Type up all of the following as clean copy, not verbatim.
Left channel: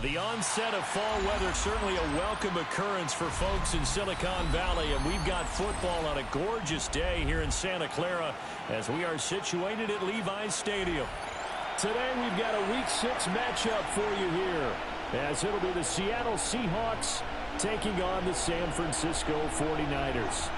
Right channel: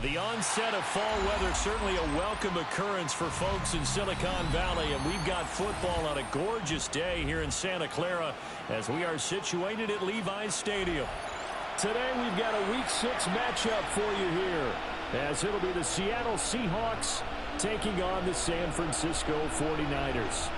The onset of fall weather, certainly a welcome occurrence for folks in Silicon Valley, and we've got football on a gorgeous day here in Santa Clara as we are situated at Levi's Stadium. Today we've got a Week 6 matchup for you here, as it'll be the Seattle Seahawks taking on the San Francisco 49ers.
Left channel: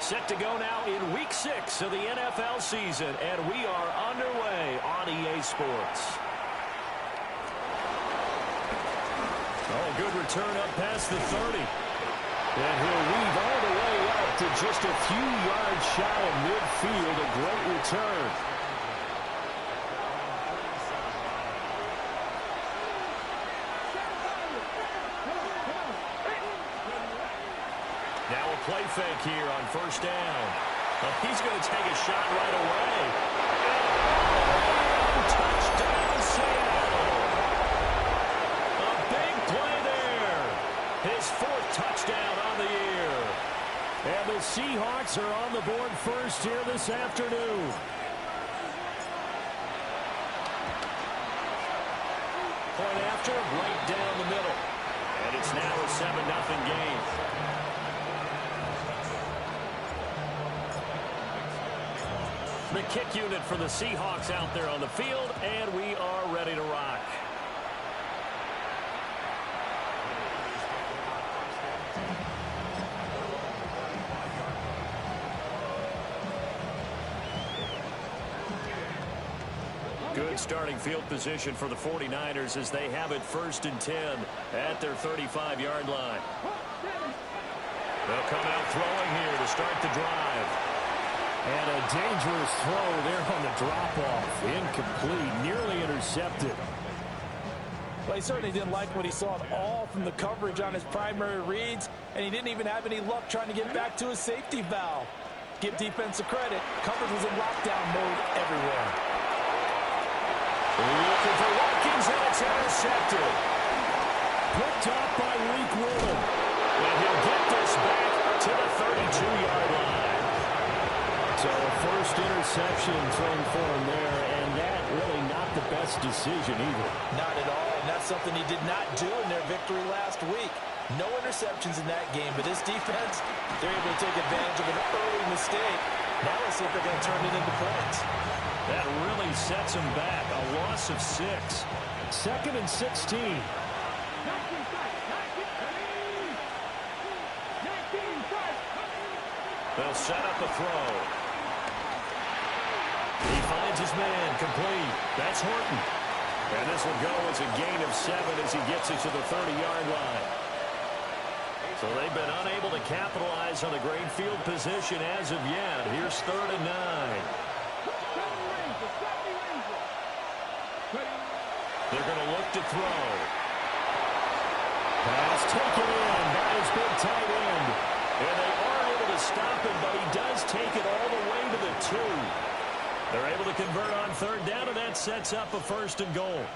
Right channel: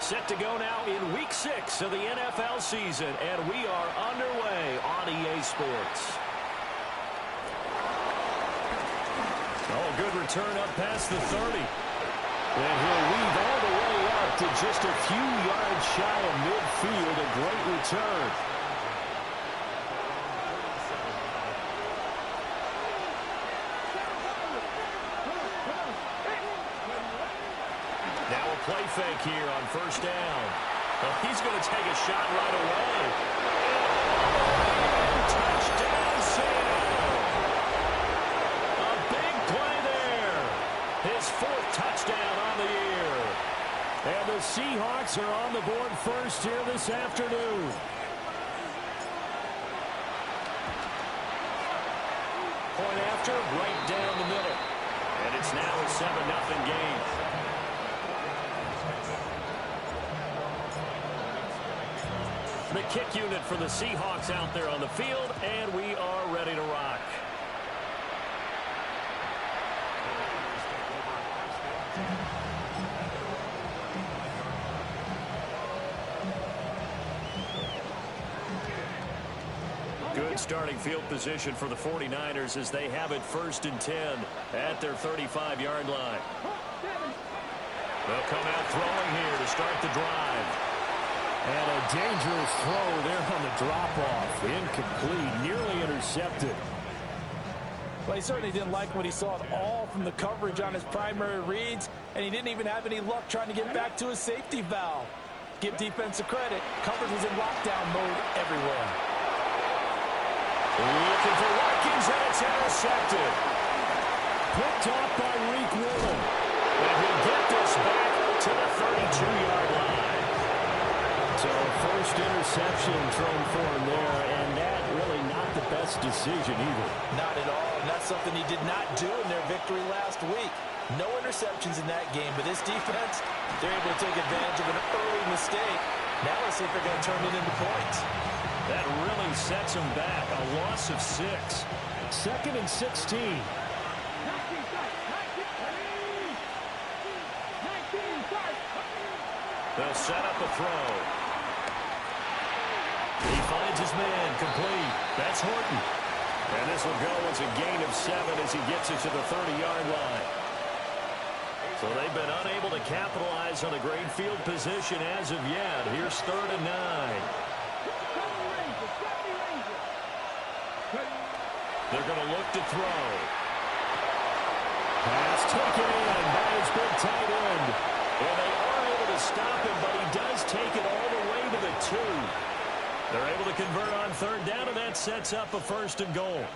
Set to go now in Week 6 of the NFL season, and we are underway on EA Sports. Oh, good return up past the 30. And he'll weave all the way up to just a few yards shy of midfield. A great return. Now a play fake here on first down. Oh, he's going to take a shot right away. And all the way in. Touchdown, Seattle. A big play there. His fourth touchdown on the year. And the Seahawks are on the board first here this afternoon. Point after, right down the middle. And it's now a 7-0 game. The kick unit for the Seahawks out there on the field, and we are ready to rock. Good starting field position for the 49ers as they have it 1st and 10 at their 35-yard line. They'll come out throwing here to start the drive. And a dangerous throw there on the drop-off. Incomplete, nearly intercepted. Well, he certainly didn't like what he saw at all from the coverage on his primary reads, and he didn't even have any luck trying to get back to his safety valve. Give defensive credit. Coverage was in lockdown mode everywhere. Looking for Watkins, and it's intercepted. Picked off by Reek Woolen. And he'll get this back to the 32-yard line. So a first interception thrown for him there, and that really not the best decision either. Not at all, and that's something he did not do in their victory last week. No interceptions in that game, but this defense, they're able to take advantage of an early mistake. Now let's see if they're going to turn it into points. That really sets them back. A loss of 6. 2nd and 16. They'll set up a throw. He finds his man complete. That's Horton. And this will go as a gain of 7 as he gets it to the 30-yard line. So they've been unable to capitalize on a great field position as of yet. Here's 3rd and 9. They're going to look to throw. Pass taken in by his big tight end. And they are able to stop him, but he does take it all the way to the 2. They're able to convert on 3rd down, and that sets up a 1st and goal.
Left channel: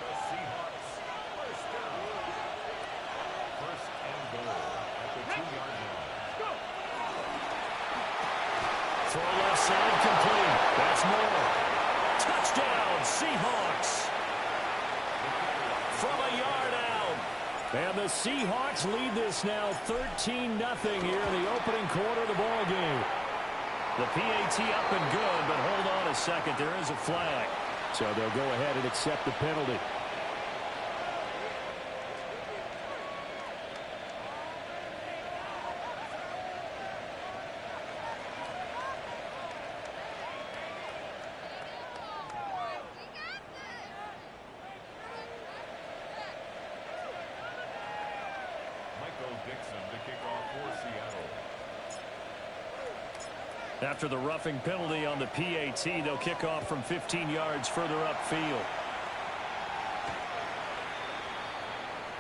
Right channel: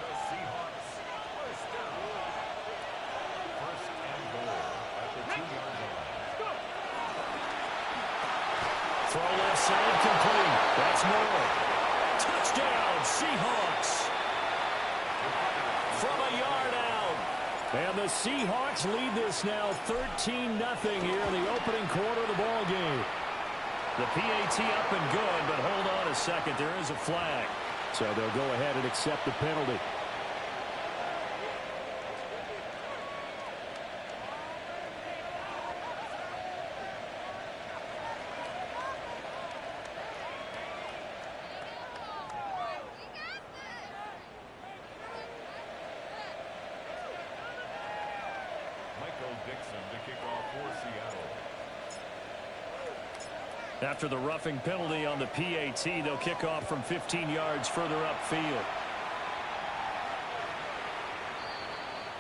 Throw left side complete. That's Moore. Touchdown, Seahawks. From a yard out. And the Seahawks lead this now 13-0 here in the opening quarter of the ball game. The PAT up and good, but hold on a second. There is a flag. So they'll go ahead and accept the penalty. After the roughing penalty on the PAT, they'll kick off from 15 yards further upfield.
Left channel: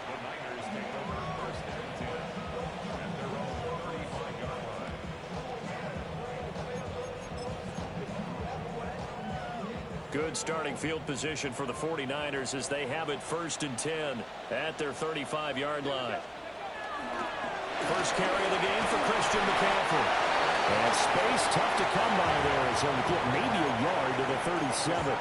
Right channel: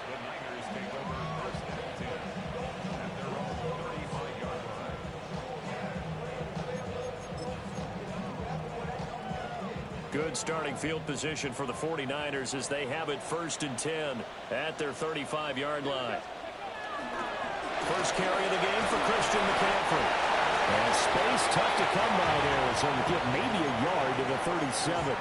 The Niners take over 1st and 10 at their own 35-yard line. Good starting field position for the 49ers as they have it 1st and 10 at their 35-yard line. First carry of the game for Christian McCaffrey. And space tough to come by there. So we get maybe a yard to the 37.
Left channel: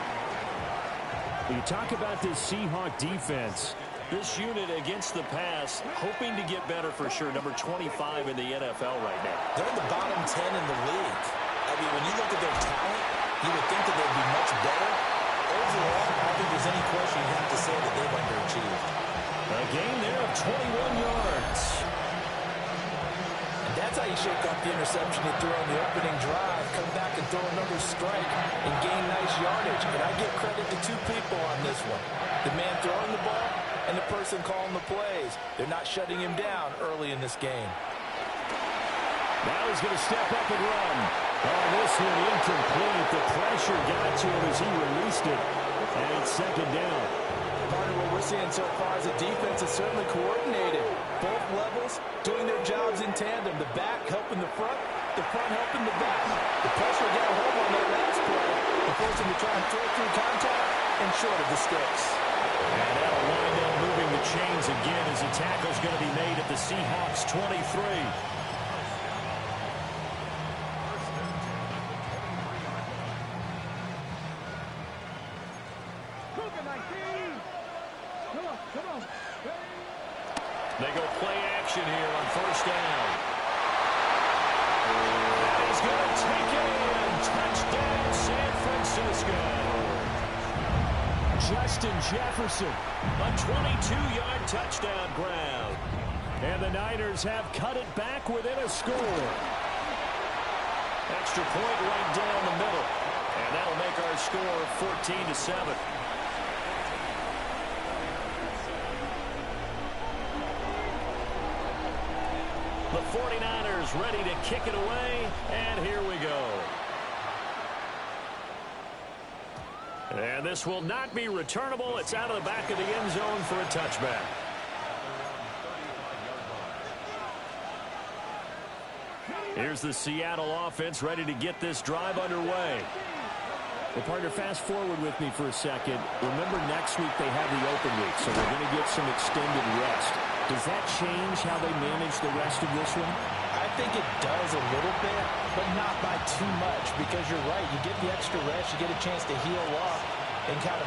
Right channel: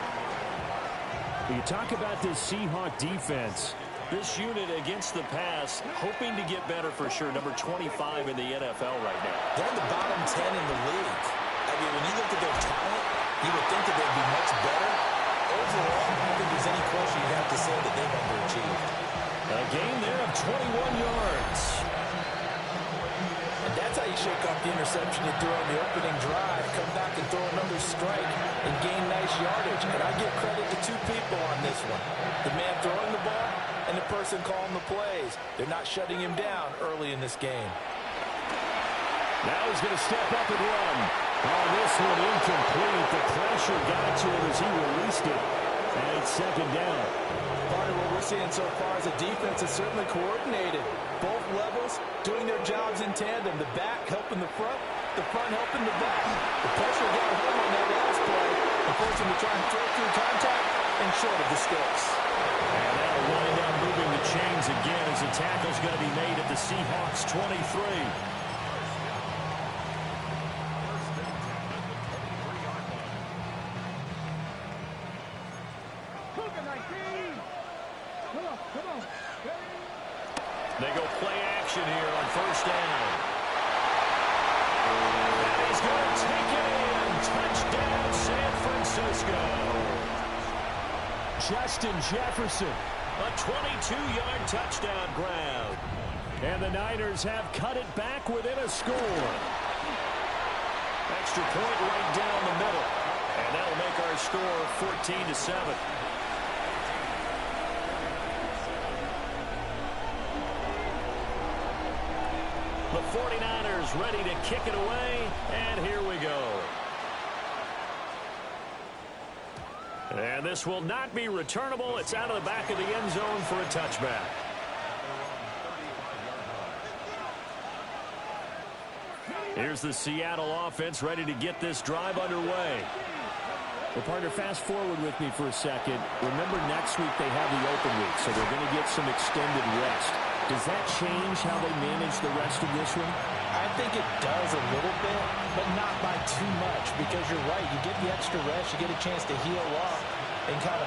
You talk about this Seahawk defense. This unit against the pass, hoping to get better for sure. Number 25 in the NFL right now. They're in the bottom 10 in the league. I mean, when you look at their talent, you would think that they'd be much better. Overall, I don't think there's any question you'd have to say that they've underachieved. A gain there of 21 yards. And that's how you shake off the interception you threw on the opening drive, come back and throw another strike and gain nice yardage. And I give credit to two people on this one. The man throwing the ball and the person calling the plays. They're not shutting him down early in this game. Now he's going to step up and run. Oh, this one incomplete. The pressure got to him as he released it. And it's second down. Part of what we're seeing so far is the defense is certainly coordinated. Both levels doing their jobs in tandem. The back helping the front helping the back. The pressure got home on that last play and forced him to try and throw through contact and short of the sticks. And that'll wind up moving the chains again as the tackle's going to be made at the Seahawks 23. They go play action here on first down. And he's going to take it in. Touchdown, San Francisco. Justin Jefferson, a 22-yard touchdown grab. And the Niners have cut it back within a score. Extra point right down the middle. And that'll make our score 14-7. The 49ers ready to kick it away, and here we go. And this will not be returnable. It's out of the back of the end zone for a touchback. Here's the Seattle offense ready to get this drive underway. Well, partner, fast forward with me for a second. Remember, next week they have the open week, so they're going to get some extended rest. Does that change how they manage the rest of this one? I think it does a little bit, but not by too much, because you're right. You get the extra rest. You get a chance to heal up and kind of,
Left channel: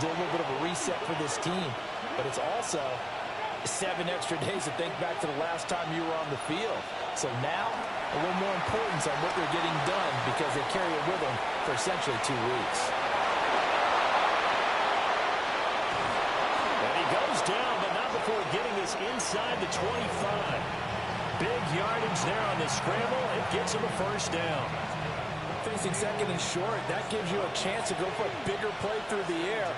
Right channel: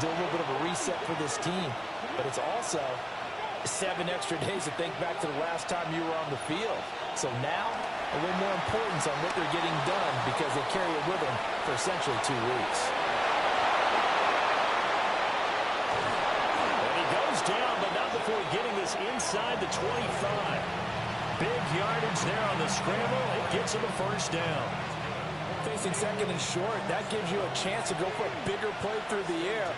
do a little bit of a reset for this team. But it's also 7 extra days to think back to the last time you were on the field. So now, a little more importance on what they're getting done because they carry it with them for essentially 2 weeks. And he goes down, but not before getting this inside the 25. Big yardage there on the scramble. It gets him a first down. Facing second and short, that gives you a chance to go for a bigger play through the air.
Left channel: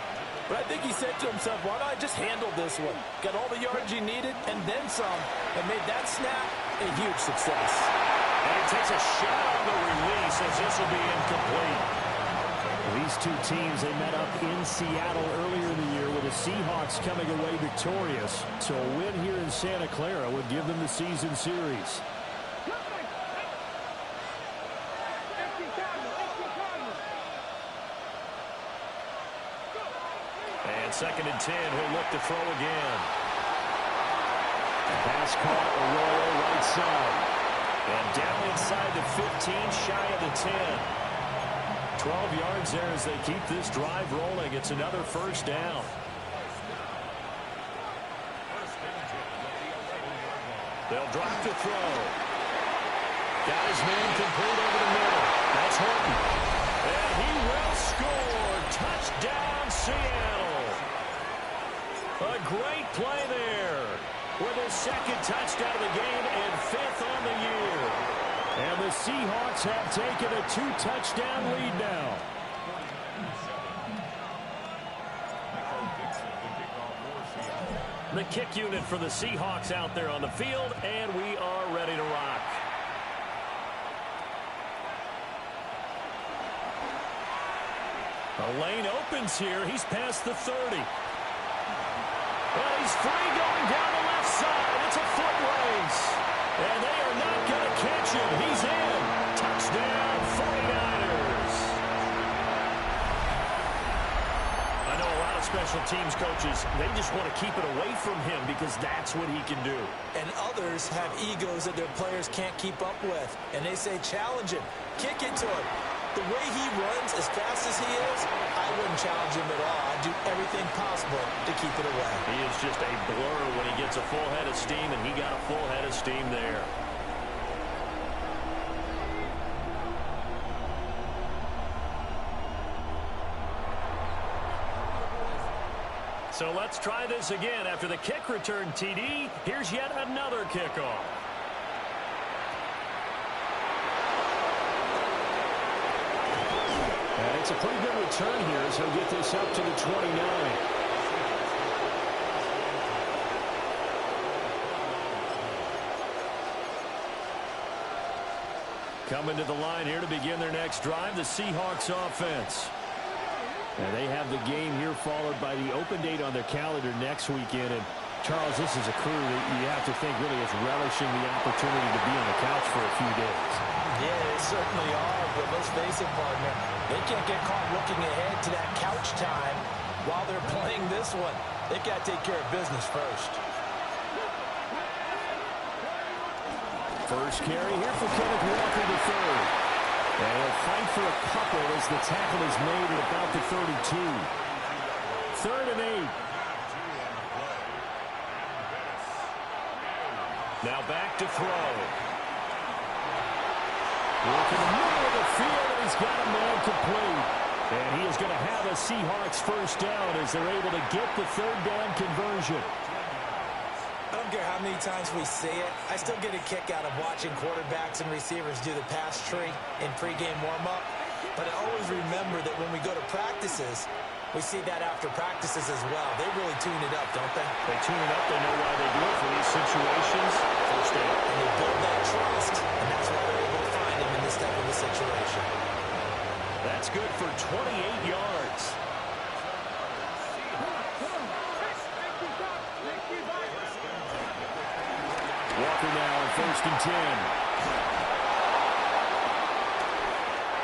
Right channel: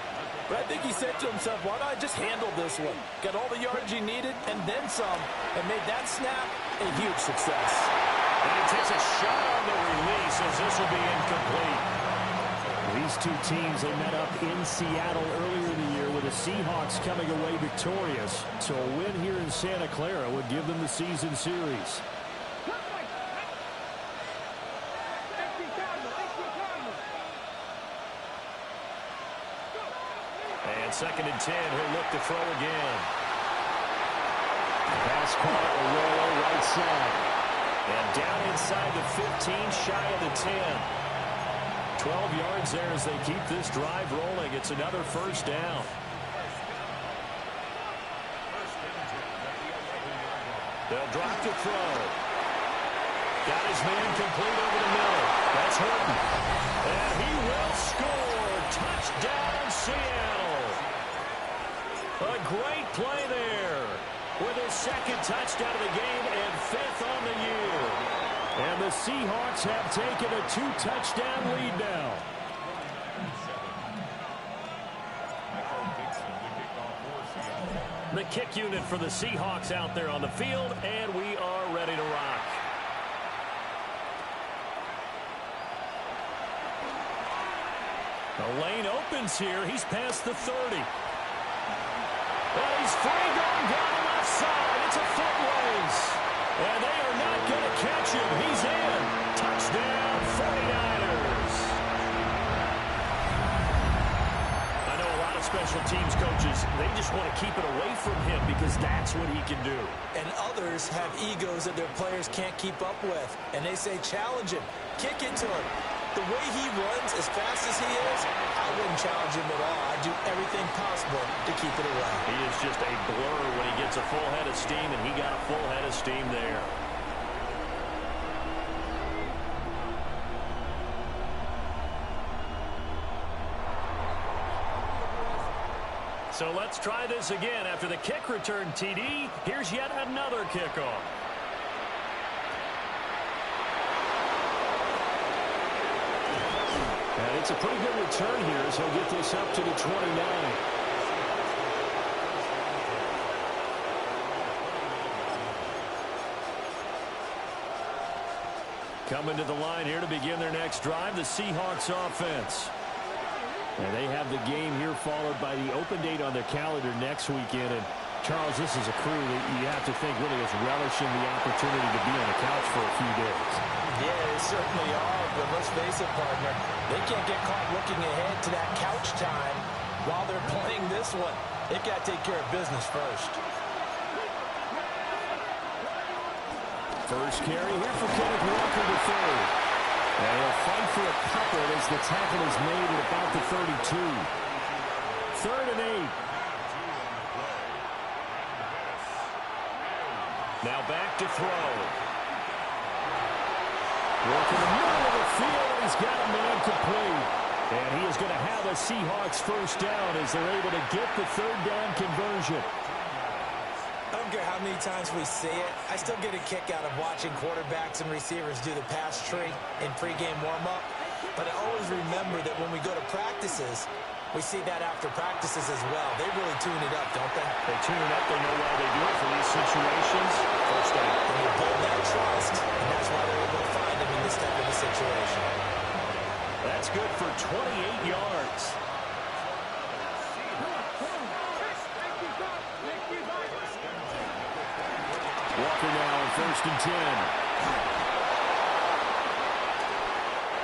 But I think he said to himself, why don't I just handle this one? Got all the yardage he needed and then some, and made that snap a huge success. And he takes a shot on the release as this will be incomplete. These two teams, they met up in Seattle earlier in the year with the Seahawks coming away victorious. So a win here in Santa Clara would give them the season series. And second and 10, he'll look to throw again. Pass caught, Arroyo right side. And down inside the 15, shy of the 10. 12 yards there as they keep this drive rolling. It's another first down. They'll drop to throw. Got his man complete over the middle. That's Horton. And he will score. Touchdown, Seattle. A great play there with his second touchdown of the game and 5th on the year. And the Seahawks have taken a 2-touchdown lead now. The kick unit for the Seahawks out there on the field, and we are ready to rock. The lane opens here. He's past the 30. And he's free going down the left side. It's a foot race. And they are not going to catch him. He's in. Touchdown, 49ers. I know a lot of special teams coaches, they just want to keep it away from him because that's what he can do. And others have egos that their players can't keep up with. And they say, challenge him, kick it to him. The way he runs as fast as he is, I wouldn't challenge him at all. I'd do everything possible to keep it away. He is just a blur when he gets a full head of steam, and he got a full head of steam there. So let's try this again. After the kick return TD, here's yet another kickoff. And it's a pretty good return here as he'll get this up to the 29. Coming to the line here to begin their next drive, the Seahawks offense. And they have the game here followed by the open date on their calendar next weekend. And, Charles, this is a crew that you have to think really is relishing the opportunity to be on the couch for a few days. Yeah, they certainly are, but let's face it, partner. They can't get caught looking ahead to that couch time while they're playing this one. They've got to take care of business first. First carry here for Kenneth Walker to third. And he'll fight for a couple as the tackle is made at about the 32. 3rd and 8. Now back to throw. Work in the middle of the field, and he's got a man complete. And he is going to have a Seahawks first down as they're able to get the 3rd down conversion. I don't care how many times we see it. I still get a kick out of watching quarterbacks and receivers do the pass tree in pregame warm-up. But I always remember that when we go to practices, we see that after practices as well. They really tune it up, don't they? They tune it up. They know why they do it for these situations. First down. And they build that trust, and that's why they're able to find him in this type of a situation. That's good for 28 yards. Walker now on 1st and 10.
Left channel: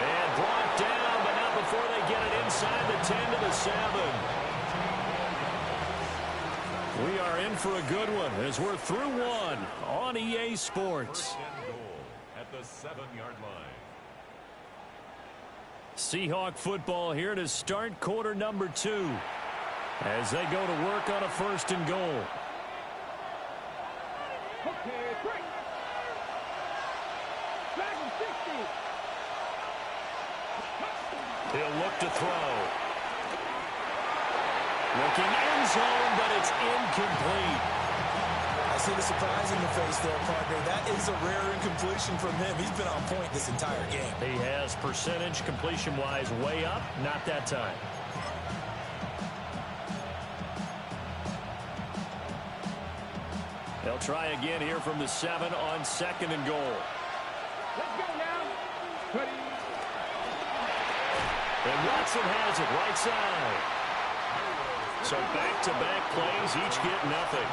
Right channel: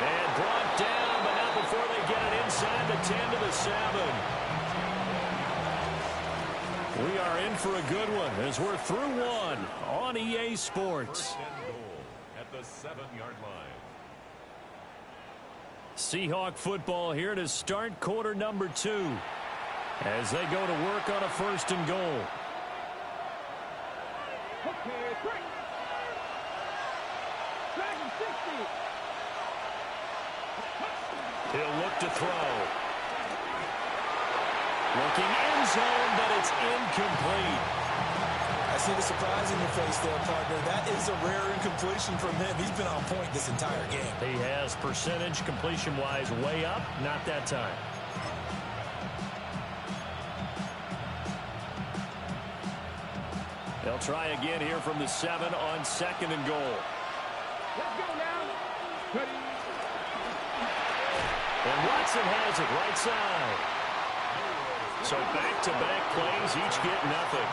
And brought down, but not before they get it inside the 10 to the 7. We are in for a good one as we're through one on EA Sports. At the 7-yard line. Seahawk football here to start quarter number 2 as they go to work on a 1st and goal. Okay, break. Flag him 60. He'll look to throw. Looking end zone, but it's incomplete. I see the surprise in your face there, partner. That is a rare incompletion from him. He's been on point this entire game. He has percentage completion-wise way up, not that time. They'll try again here from the 7 on 2nd and goal. Let's go now. Ready. And Watson has it right side. So back-to-back plays, each get nothing.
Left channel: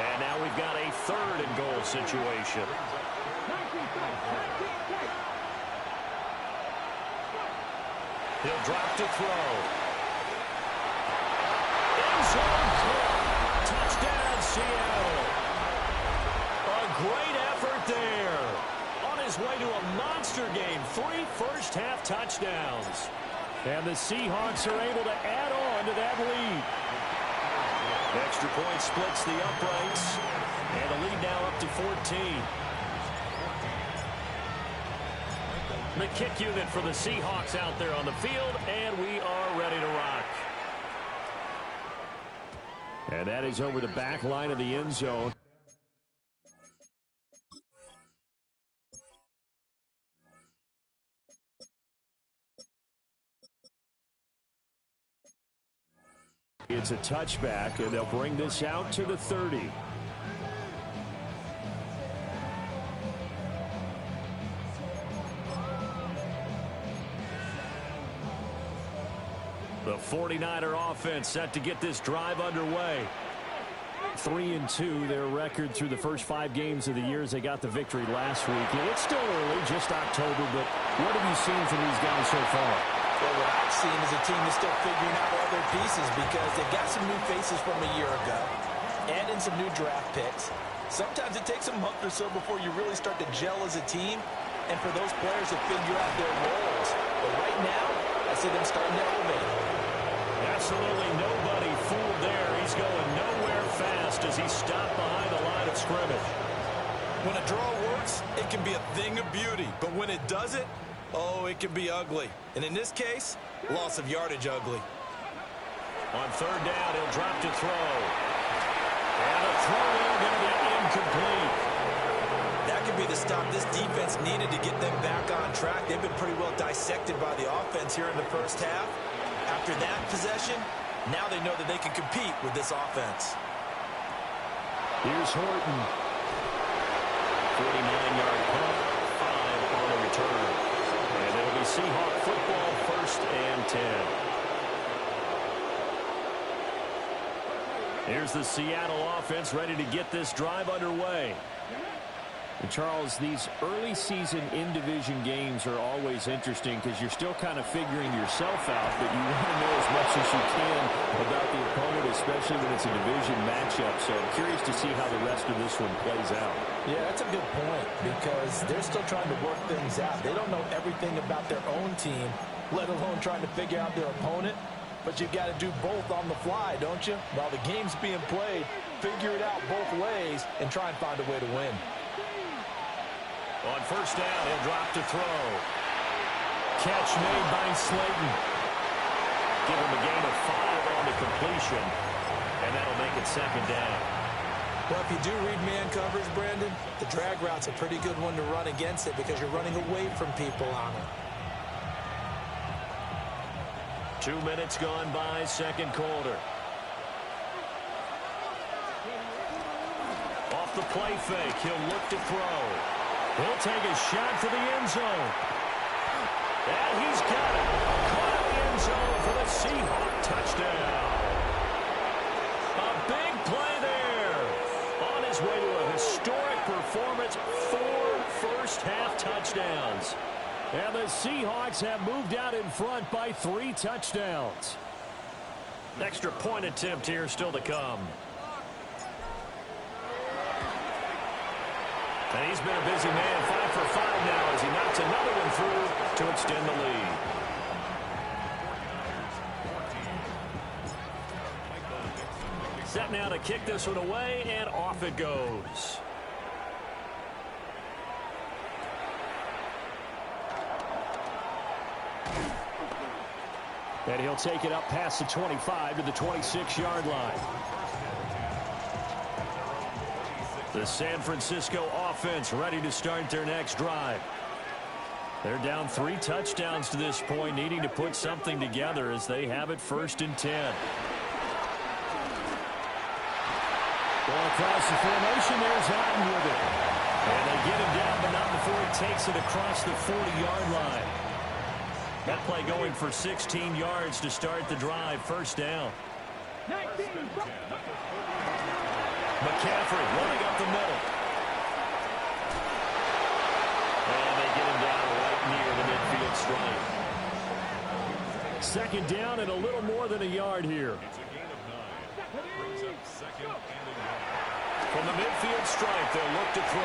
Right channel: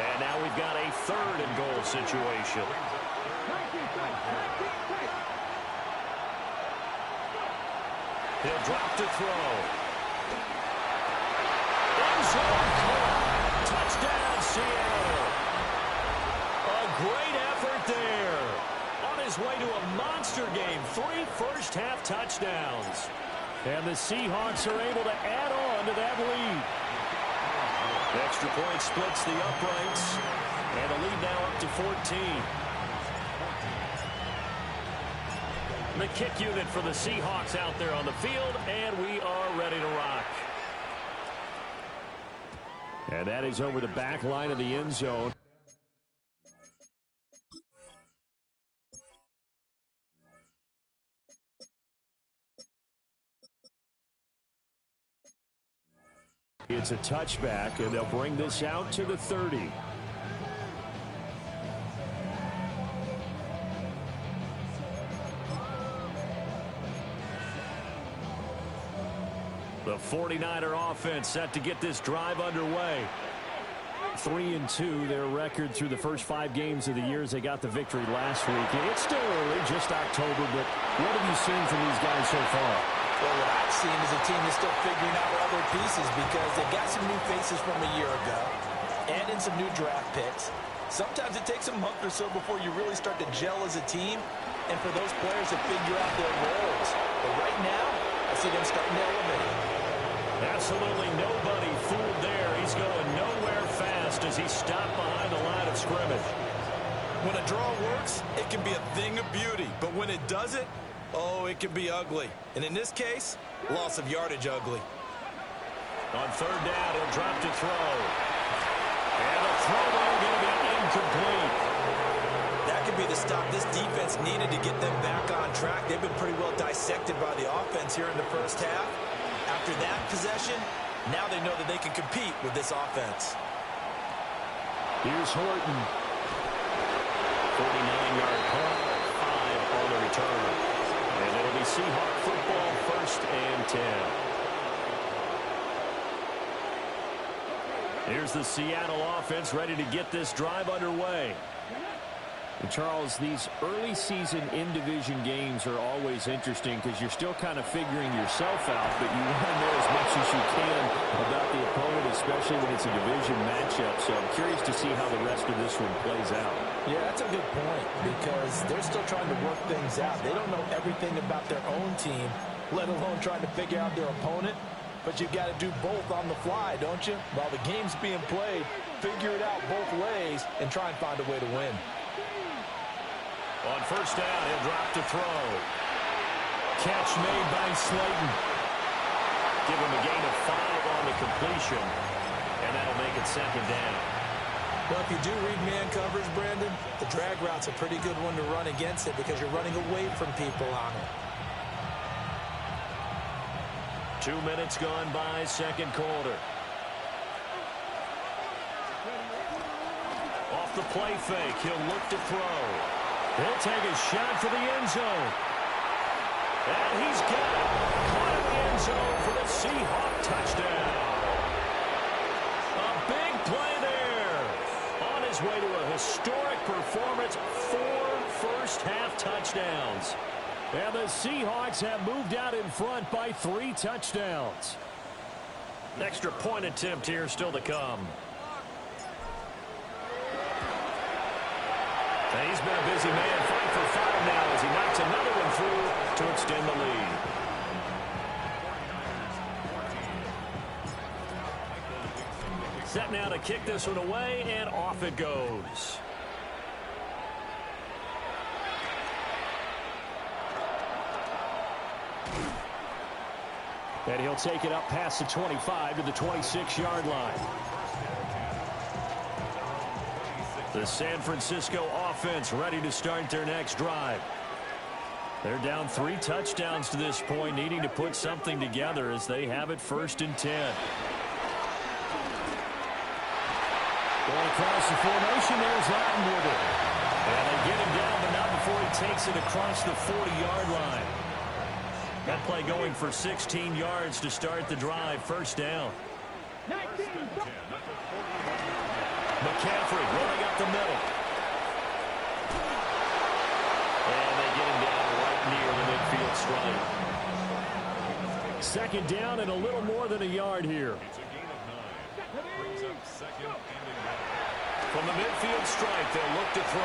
And now we've got a 3rd and goal situation. 19 tight. He'll drop to throw. End zone caught. Touchdown, Seattle. A great effort there. On his way to a monster game. 3 first-half touchdowns. And the Seahawks are able to add on to that lead. Extra point splits the uprights. And the lead now up to 14. The kick unit for the Seahawks out there on the field. And we are ready to rock. And that is over the back line of the end zone. It's a touchback, and they'll bring this out to the 30. The 49er offense set to get this drive underway. 3-2, their record through the first 5 games of the year as they got the victory last week. It's still early, just October, but what have you seen from these guys so far? Well, what I've seen is a team that's still figuring out all their pieces because they've got some new faces from a year ago, add in some new draft picks. Sometimes it takes a month or so before you really start to gel as a team and for those players to figure out their roles. But right now, I see them starting to elevate. Absolutely nobody fooled there. He's going nowhere fast as he stopped behind the line of scrimmage. When a draw works, it can be a thing of beauty. But when it doesn't, oh, it can be ugly. And in this case, loss of yardage ugly. On third down, he'll drop to throw. And a throw there going to be incomplete. That could be the stop this defense needed to get them back on track. They've been pretty well dissected by the offense here in the first half. After that possession, now they know that they can compete with this offense. Here's Horton. 49-yard punt, 5 on the return. And it'll be Seahawk football, 1st and 10. Here's the Seattle offense ready to get this drive underway. And Charles, these early season in-division games are always interesting because you're still kind of figuring yourself out, but you want to know as much as you can about the opponent, especially when it's a division matchup. So I'm curious to see how the rest of this one plays out. Yeah, that's a good point because they're still trying to work things out. They don't know everything about their own team, let alone trying to figure out their opponent. But you've got to do both on the fly, don't you? While the game's being played, figure it out both ways and try and find a way to win. On first down, he'll drop to throw. Catch made by Slayton. Give him a gain of 5 on the completion, and that'll make it 2nd down. Well, if you do read man coverage, Brandon, the drag route's a pretty good one to run against it because you're running away from people on it. 2 minutes gone by, 2nd quarter. Off the play fake, he'll look to throw. He'll take a shot for the end zone. And he's got it. Caught in the end zone for the Seahawk touchdown. A big play there. On his way to a historic performance, 4 first-half touchdowns. And the Seahawks have moved out in front by 3 touchdowns. Extra point attempt here still to come. And he's been a busy man, 5 for 5 now as he knocks another one through to extend the lead. Set now to kick this one away, and off it goes. And he'll take it up past the 25 to the 26-yard line. The San Francisco offense ready to start their next drive. They're down 3 touchdowns to this point, needing to put something together as they have it 1st and 10. Going across the formation, there's Otten with it. And they get him down, but not before he takes it across the 40-yard line. That play going for 16 yards to start the drive, 1st down. McCaffrey running up the middle. And they get him down right near the midfield stripe. 2nd down and a little more than a yard here. It's a gain of 9. Brings up 2nd and a yard. From the midfield stripe, they'll look to throw.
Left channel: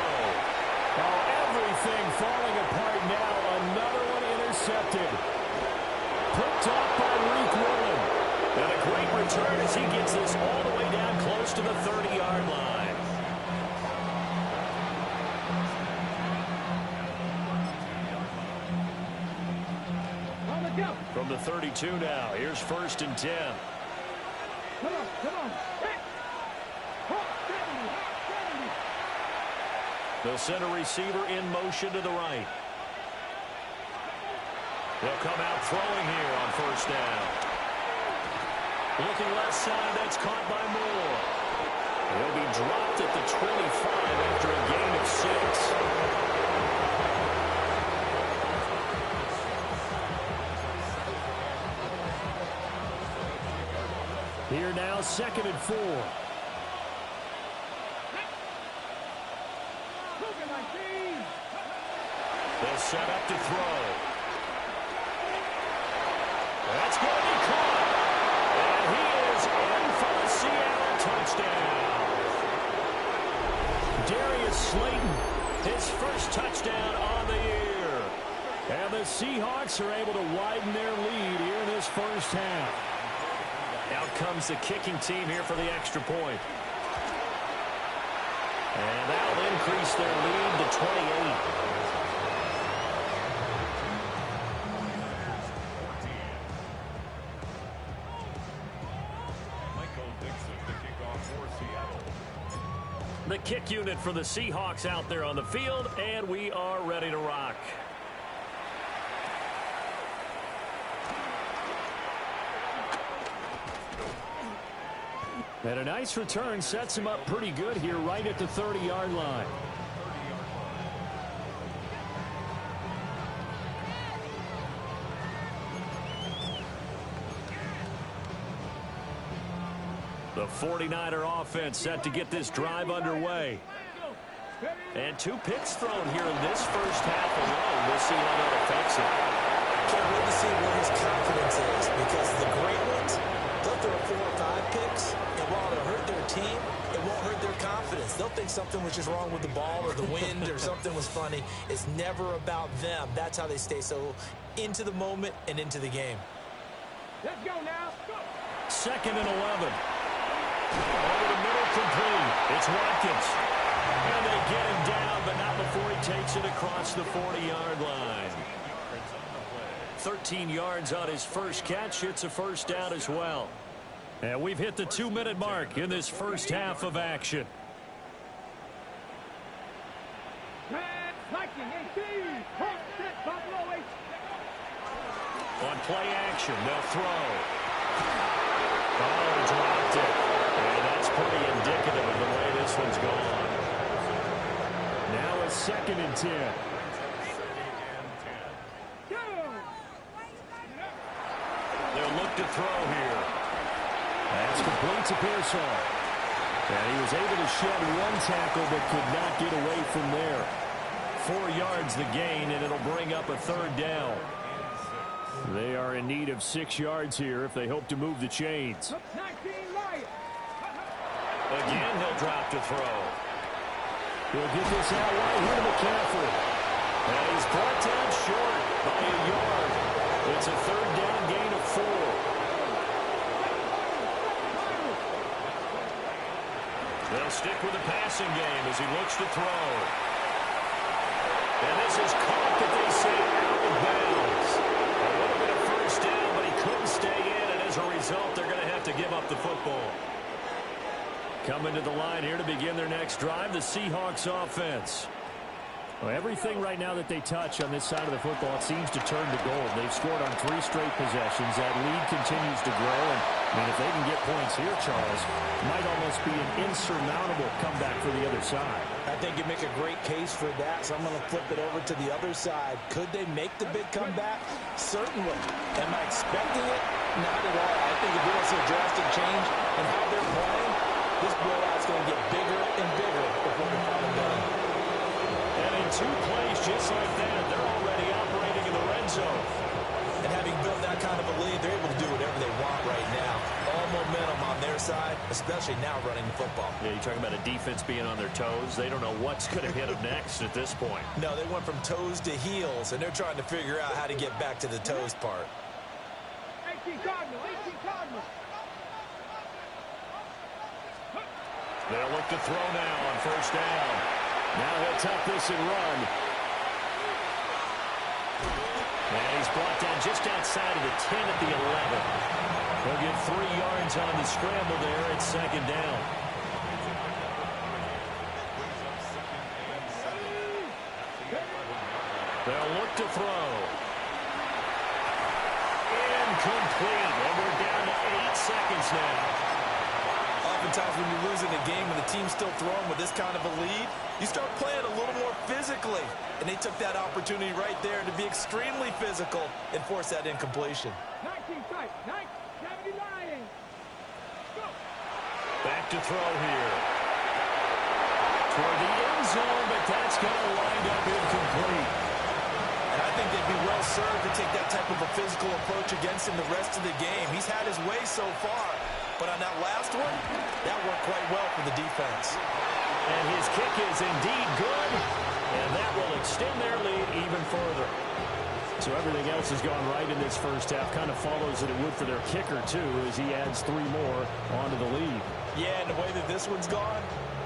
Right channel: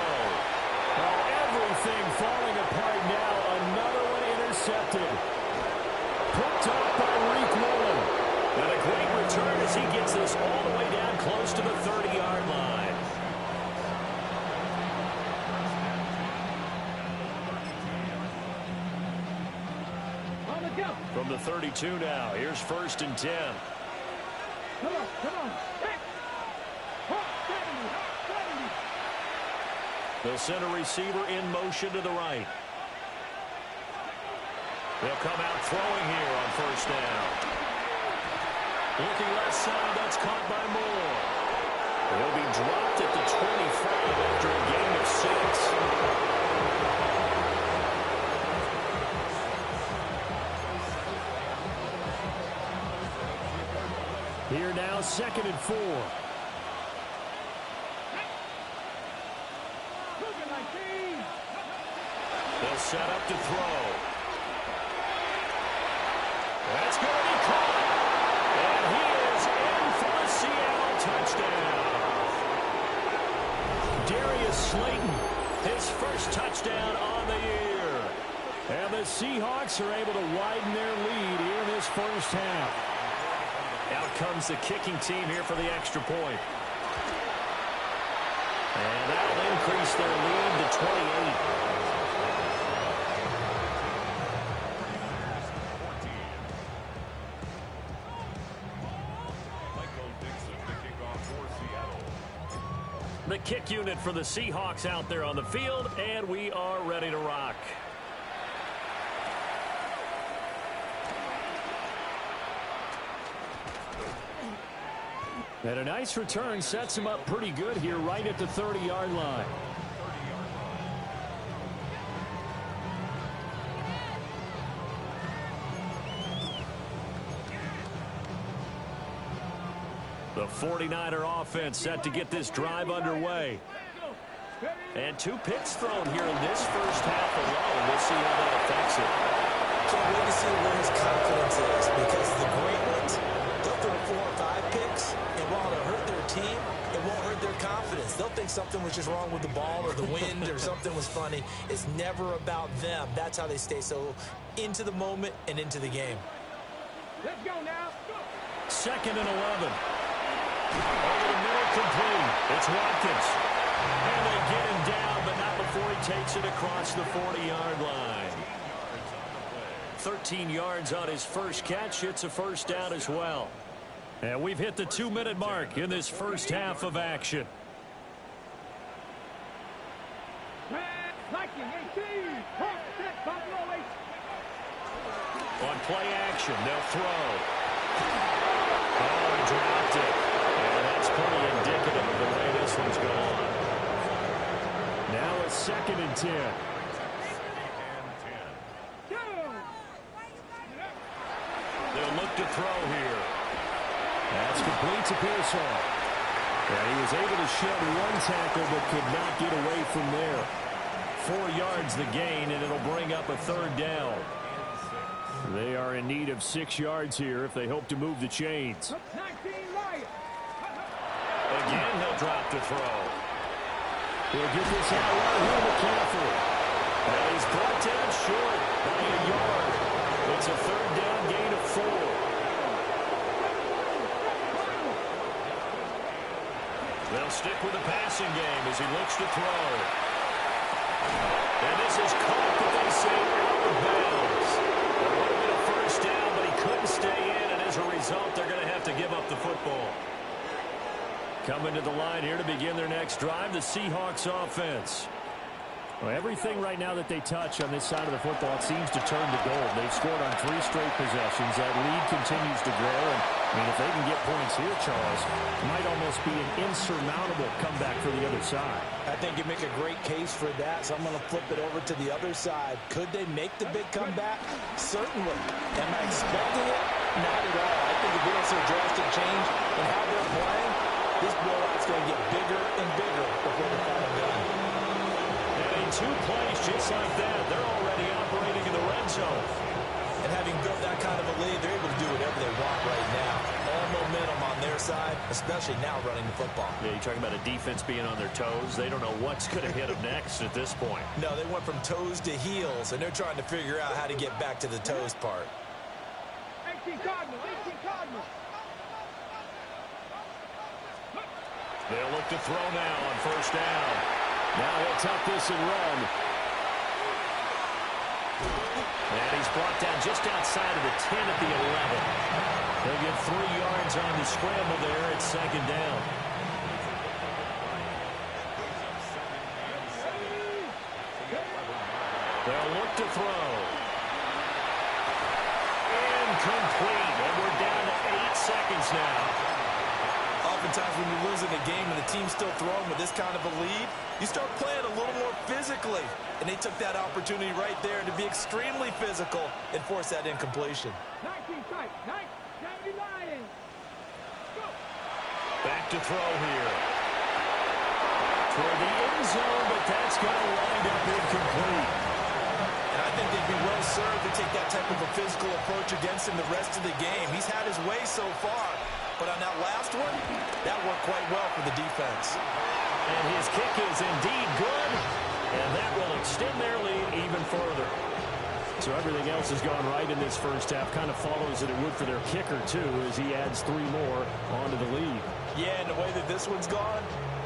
Oh, everything falling apart now. Another one intercepted. Picked off by Reek Woolen. And a great return as he gets this all the way down close to the 30-yard line. From the 32 now, here's 1st and 10. Come on. Hey. 70. They'll send a receiver in motion to the right. They'll come out throwing here on 1st down. Looking left side, that's caught by Moore. He'll be dropped at the 25 after a gain of 6. Here now, 2nd and 4. They'll set up to throw. That's going to be caught. And he is in for the Seattle touchdown. Darius Slayton, his first touchdown on the year. And the Seahawks are able to widen their lead here in this first half. Out comes the kicking team here for the extra point. And that'll increase their lead to 28. 49ers 14. Michael Dixon, the kickoff for Seattle. The kick unit for the Seahawks out there on the field, and we are ready to rock. And a nice return sets him up pretty good here right at the 30-yard line. The 49er offense set to get this drive underway. And 2 picks thrown here in this first half alone. We'll see how that affects it. Can't wait to see where his confidence is, because the great ones, they'll throw 4 or 5 picks, and while it'll hurt their team, it won't hurt their confidence. They'll think something was just wrong with the ball or the wind or something was funny. It's never about them. That's how they stay so into the moment and into the game. Let's go now. Go. 2nd and 11. Over the middle, complete. It's Watkins. And they get him down, but not before he takes it across the 40-yard line. 13 yards on his first catch. It's a first down as well. And we've hit the 2-minute mark in this first half of action. Liking 18. Hawk set Buffalo 8. On play action, they'll throw. Oh, he dropped it. And that's pretty indicative of the way this one's gone. Now a 2nd and 10. They'll look to throw here. That's complete to Pearsall. And he was able to shed 1 tackle but could not get away from there. 4 yards the gain, and it'll bring up a 3rd down. They are in need of 6 yards here if they hope to move the chains. Again, he'll drop to throw. He'll get this out right here to McCaffrey. And he's brought down short by a yard. It's a 3rd down gain of 4. They'll stick with the passing game as he looks to throw. And this is caught, but they say out of bounds. That would have been a first down, but he couldn't stay in, and as a result, they're going to have to give up the football. Coming to the line here to begin their next drive, the Seahawks offense. Well, everything right now that they touch on this side of the football, it seems to turn to gold. They've scored on 3 straight possessions. That lead continues to grow. And, I mean, if they can get points here, Charles, it might almost be an insurmountable comeback for the other side. I think you make a great case for that, so I'm going to flip it over to the other side. Could they make the big comeback? Certainly. Am I expecting it? Not at all. I think if we don't see a drastic change in how they're playing, this blowout's going to get bigger and bigger before they're finally done. And in 2 plays just like that, they're already operating in the red zone. And having built that kind of a lead, they're able to do whatever they want right now. All momentum on their side, especially now running the football. Yeah, you're talking about a defense being on their toes. They don't know what's going to hit them next at this point. No, they went from toes to heels, and they're trying to figure out how to get back to the toes part. 18 Cardinals. 18 Cardinals. They'll look to throw now on first down. Now he'll tuck this and run. And he's brought down just outside of the 10 at the 11. He'll get 3 yards on the scramble there at 2nd down. They'll look to throw. Incomplete. And we're down to 8 seconds now. Oftentimes when you're losing a game and the team's still throwing with this kind of a lead, you start playing a little more physically. And they took that opportunity right there to be extremely physical and force that incompletion. 19 tight. 79. Go. Back to throw here. Toward the end zone, but that's going to wind up incomplete. And I think they'd be well served to take that type of a physical approach against him the rest of the game. He's had his way so far, but on that last one, that worked quite well for the defense. And his kick is indeed good, and that will extend their lead even further. So everything else has gone right in this first half. Kind of follows that it would for their kicker, too, as he adds 3 more onto the lead. Yeah, and the way that this one's gone,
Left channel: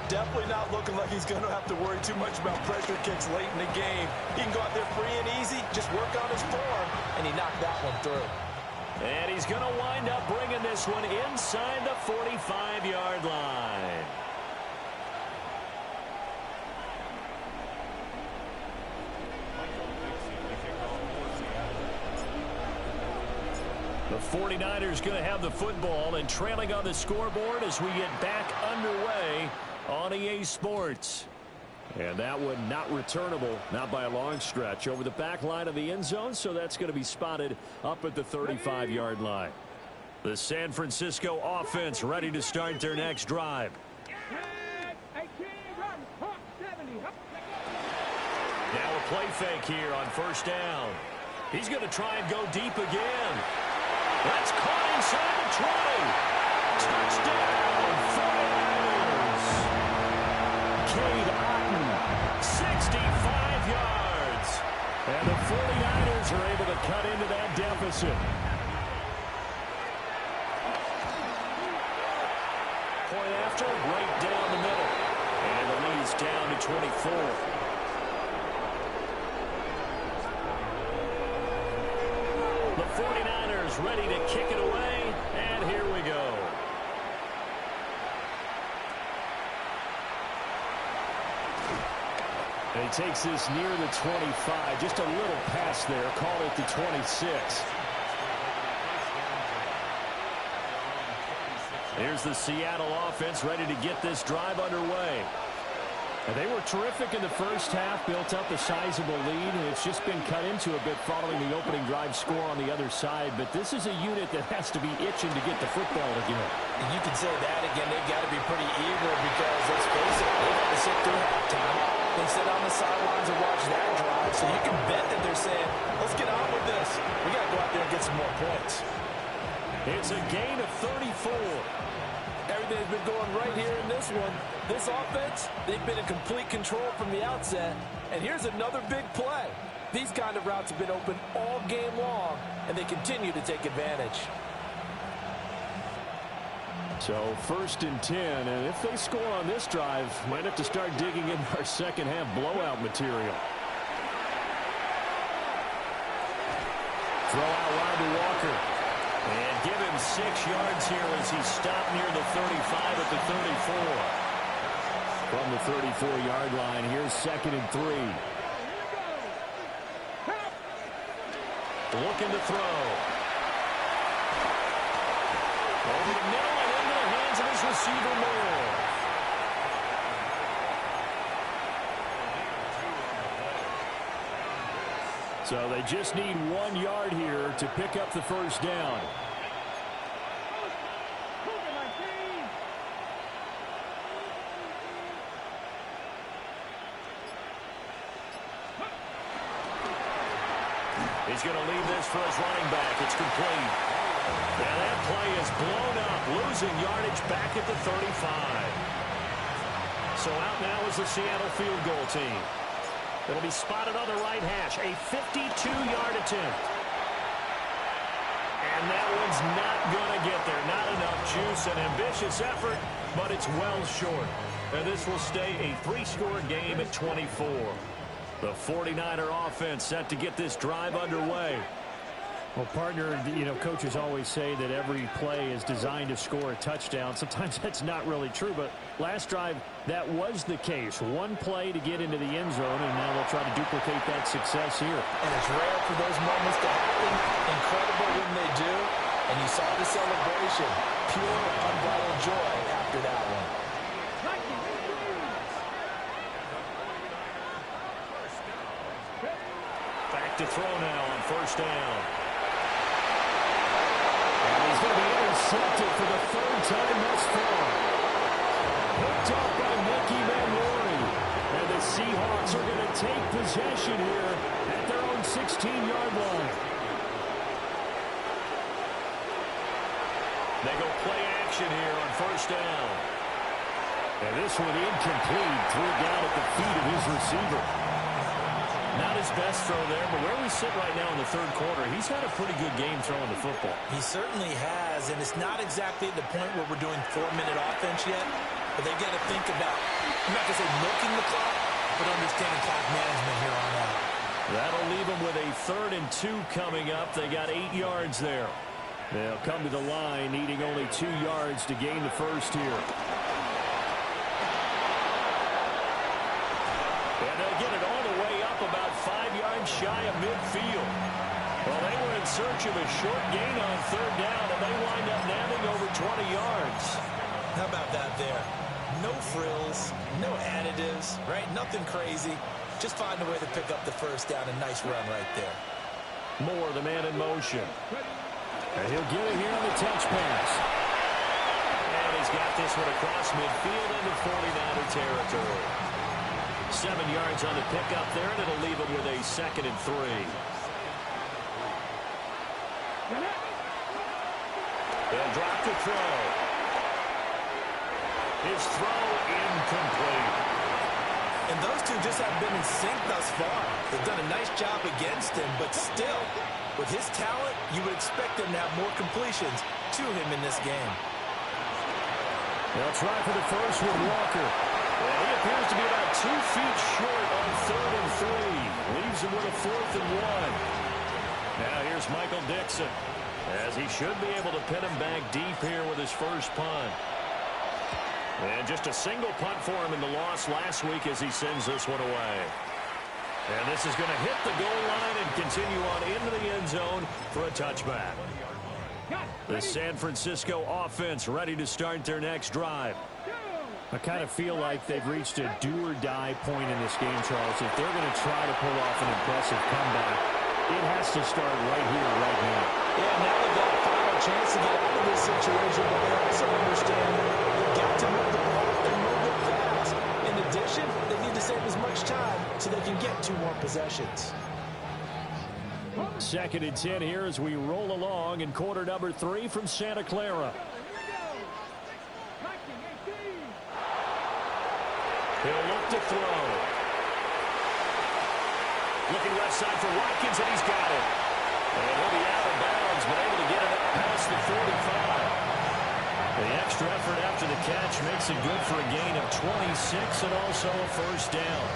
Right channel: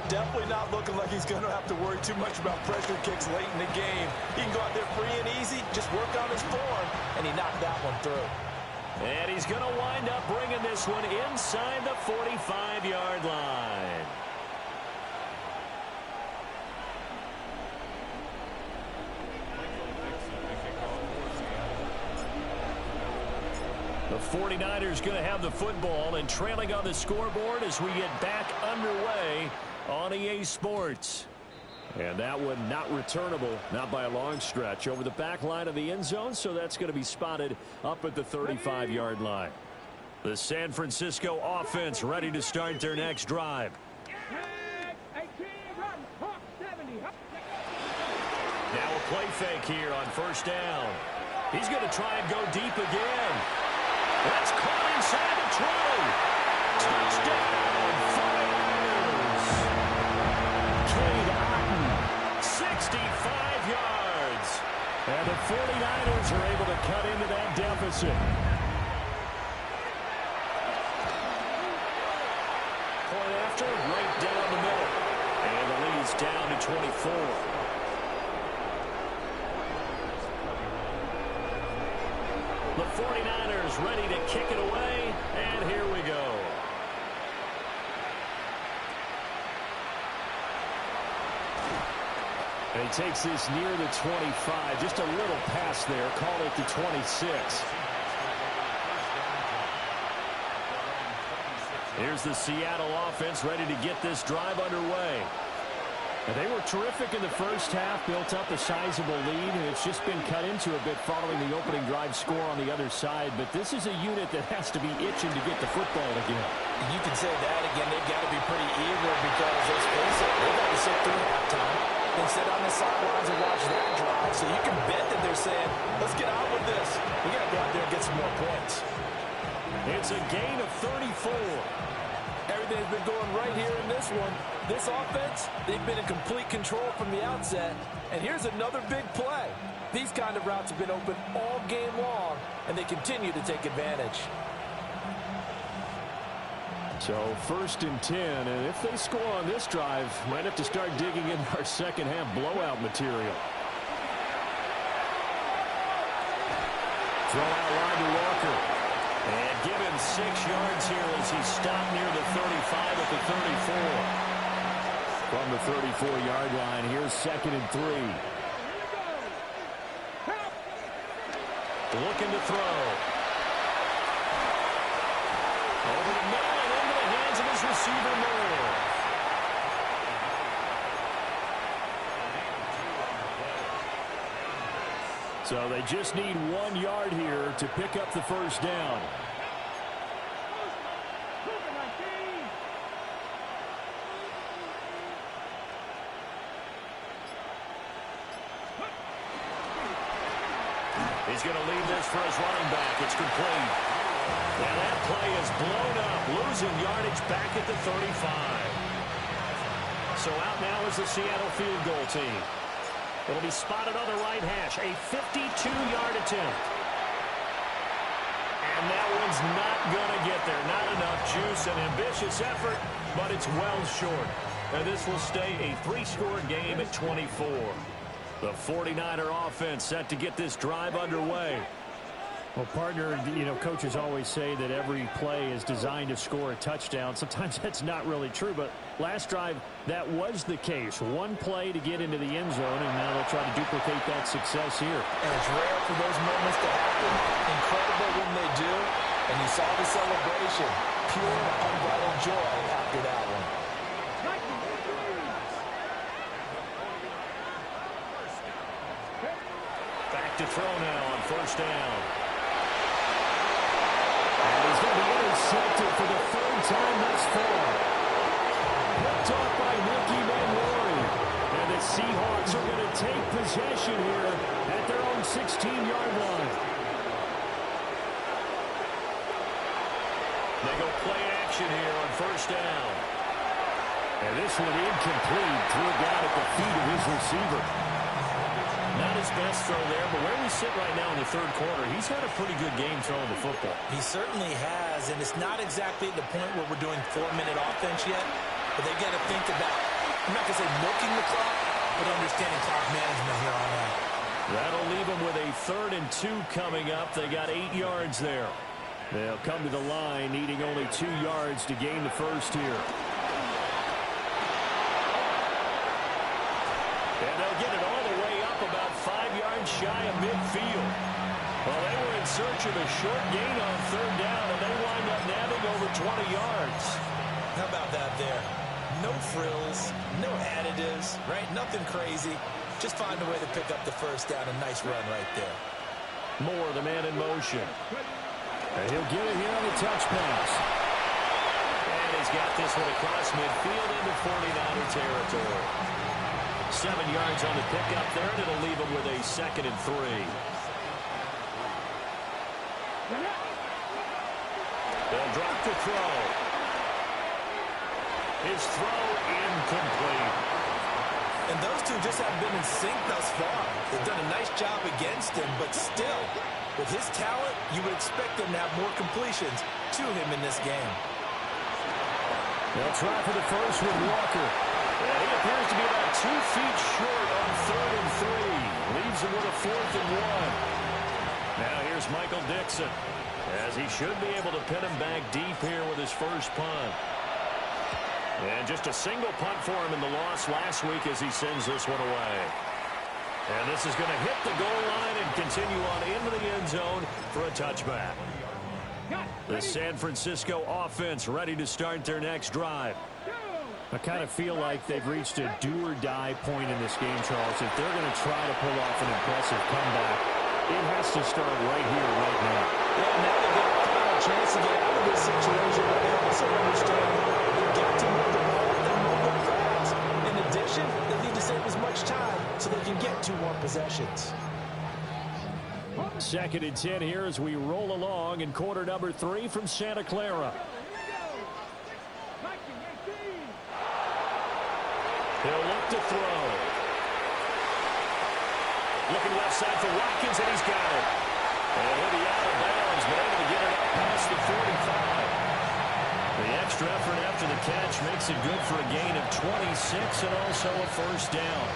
definitely not looking like he's going to have to worry too much about pressure kicks late in the game. He can go out there free and easy, just work on his form, and he knocked that one through. And he's going to wind up bringing this one inside the 45-yard line. The 49ers going to have the football and trailing on the scoreboard as we get back underway on EA Sports. And that one not returnable, not by a long stretch, over the back line of the end zone, so that's going to be spotted up at the 35-yard line. The San Francisco offense ready to start their next drive. Now a play fake here on first down. He's going to try and go deep again. That's caught inside the 20. Touchdown, 49ers. Cade Otton, 65 yards. And the 49ers are able to cut into that deficit. Point after, right down the middle. And the lead's down to 24. The 49ers ready to kick it away, and here we go. And he takes this near the 25. Just a little pass there. Call it the 26. Here's the Seattle offense ready to get this drive underway. And they were terrific in the first half, built up a sizable lead, and it's just been cut into a bit following the opening drive score on the other side. But this is a unit that has to be itching to get the football again. You can say that again. They've got to be pretty eager because, let's face it, they've had to sit through halftime and sit on the sidelines and watch that drive. So you can bet that they're saying, let's get on with this. We got to go out there and get some more points. It's a gain of 34. Everything's been going right here in this one. This offense, they've been in complete control from the outset. And here's another big play. These kind of routes have been open all game long, and they continue to take advantage. So 1st and 10, and if they score on this drive, might have to start digging in our second half blowout material. Throw out line to Walker. And give him 6 yards here as he stopped near the 35 at the 34. From the 34-yard line, here's 2nd and 3. Looking to throw. Over the middle and into the hands of his receiver, Moore. So they just need 1 yard here to pick up the first down. He's going to leave this for his running back. It's complete. Now that play is blown up, losing yardage back at the 35. So out now is the Seattle field goal team. It'll be spotted on the right hash. A 52-yard attempt. And that one's not going to get there. Not enough juice. An ambitious effort, but it's well short. And this will stay a 3-score game at 24. The 49er offense set to get this drive underway. Well, partner, you know, coaches always say that every play is designed to score a touchdown. Sometimes that's not really true, but last drive, that was the case. 1 play to get into the end zone, and now they'll try to duplicate that success here. And it's rare for those moments to happen. Incredible when they do. And you saw the celebration. Pure, unbridled joy after that one. Back to throw now on first down. And he's going to be intercepted for the 3rd time thus far. Picked off by Nicky Manwari. And the Seahawks are going to take possession here at their own 16-yard line. They go play action here on first down. And this one incomplete. Threw it down at the feet of his receiver. Not his best throw there, but where we sit right now in the third quarter, he's had a pretty good game throwing the football. He certainly has, and it's not exactly at the point where we're doing 4-minute offense yet, but they've got to think about, I'm not going to say milking the clock, but understanding clock management here on out. That'll leave them with a 3rd and 2 coming up. They got 8 yards there. They'll come to the line, needing only 2 yards to gain the first here. And they'll get it all the way up about 5 yards shy of midfield. Well, they were in search of a short gain on 3rd down, and they wind up nabbing over 20 yards. How about that there? No frills, no additives, right? Nothing crazy. Just find a way to pick up the first down. A nice run right there. Moore, the man in motion. And he'll get it here on the touch pass. And he's got this one across midfield into 49er territory. 7 yards on the pickup there, and it'll leave him with a 2nd and 3. They'll drop the throw. His throw incomplete. And those two just haven't been in sync thus far. They've done a nice job against him, but still, with his talent, you would expect him to have more completions to him in this game. They'll try for the first with Walker. And he appears to be about 2 feet short on 3rd and 3. Leaves him with a 4th and 1. Now here's Michael Dixon, as he should be able to pin him back deep here with his first punt. And just a single punt for him in the loss last week as he sends this one away. And this is going to hit the goal line and continue on into the end zone for a touchback. The San Francisco offense ready to start their next drive. I kind of feel like they've reached a do-or-die point in this game, Charles. If they're going to try to pull off an impressive comeback, it has to start right here, right now. Yeah, now they've got a final chance to get out of this situation, but they also understand they've got to move the ball and move it fast. In addition, they need to save as much time so they can get 2 more possessions. 2nd and 10 here as we roll along in quarter number 3 from Santa Clara. He'll look to throw. Looking left side for Watkins, and he's got it. And he'll be out of bounds, but able to get it up past the 45. The extra effort after the catch makes it good for a gain of 26 and also a first down.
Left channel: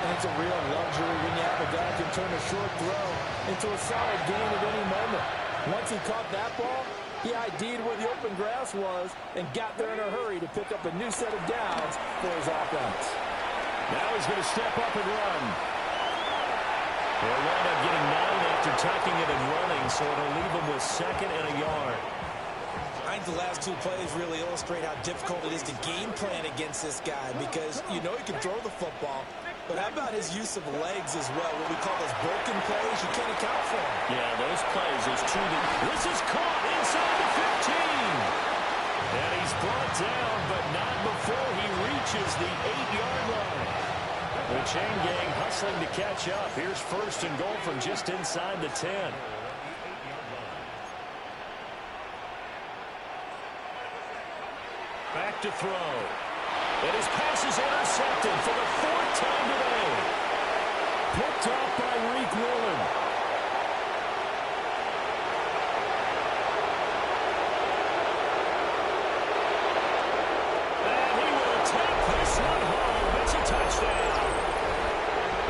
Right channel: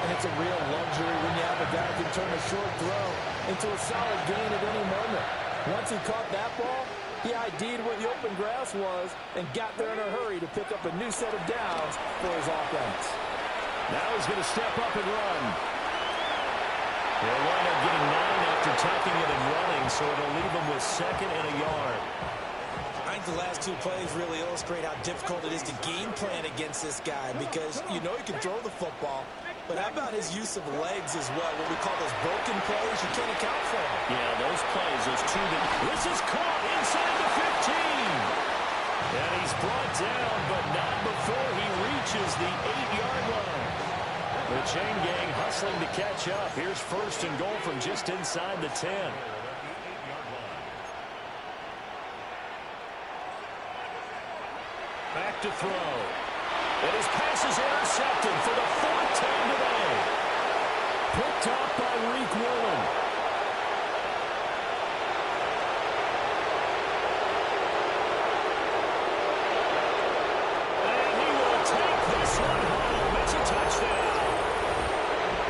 And it's a real luxury when you have a guy who can turn a short throw into a solid gain at any moment. Once he caught that ball, he ID'd where the open grass was and got there in a hurry to pick up a new set of downs for his offense. Now he's going to step up and run. He'll wind up getting 9 after tucking it and running, so it'll leave him with 2nd and a yard. I think the last 2 plays really illustrate how difficult it is to game plan against this guy because you know he can throw the football, but how about his use of legs as well? What we call those broken plays, you can't account for them. Yeah, those plays, those 2 that... This is caught inside the 15. And he's brought down, but not before he reaches the 8-yard line. The chain gang hustling to catch up. Here's 1st and goal from just inside the 10. Back to throw. And his pass is intercepted for the 4th time today. Picked off by Reek Woolen. And he will take this one home. It's a touchdown.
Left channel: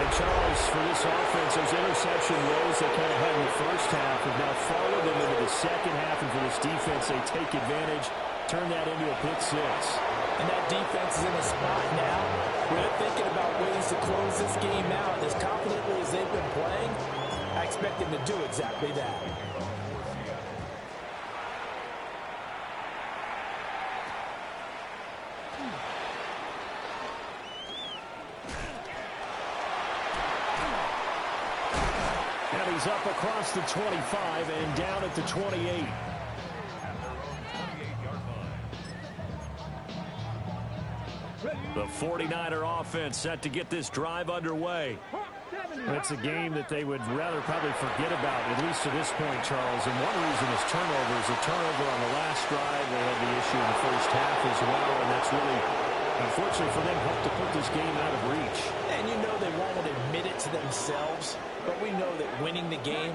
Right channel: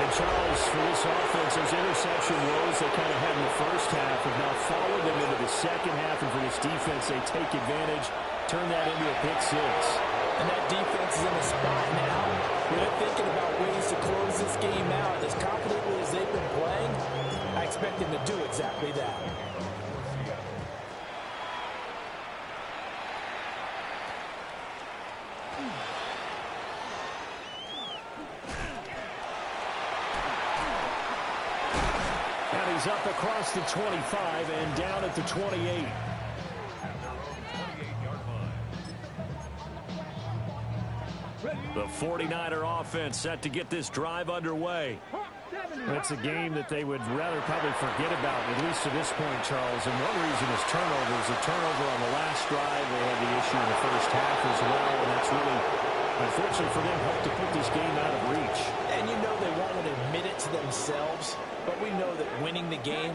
And Charles, for this offense, those interception woes they kind of had in the first half have now followed them into the second half. And for this defense, they take advantage, turn that into a pick 6. And that defense is in a spot now where they're thinking about ways to close this game out. As confidently as they've been playing, I expect them to do exactly that. And he's up across the 25 and down at the 28. At their own 28-yard line. Ready The 49er offense set to get this drive underway. It's a game that they would rather probably forget about, at least to this point, Charles. And one reason is turnovers. A turnover on the last drive. They had the issue in the first half as well, and that's really, unfortunately for them, helped to put this game out of reach. And you know they won't admit it to themselves, but we know that winning the game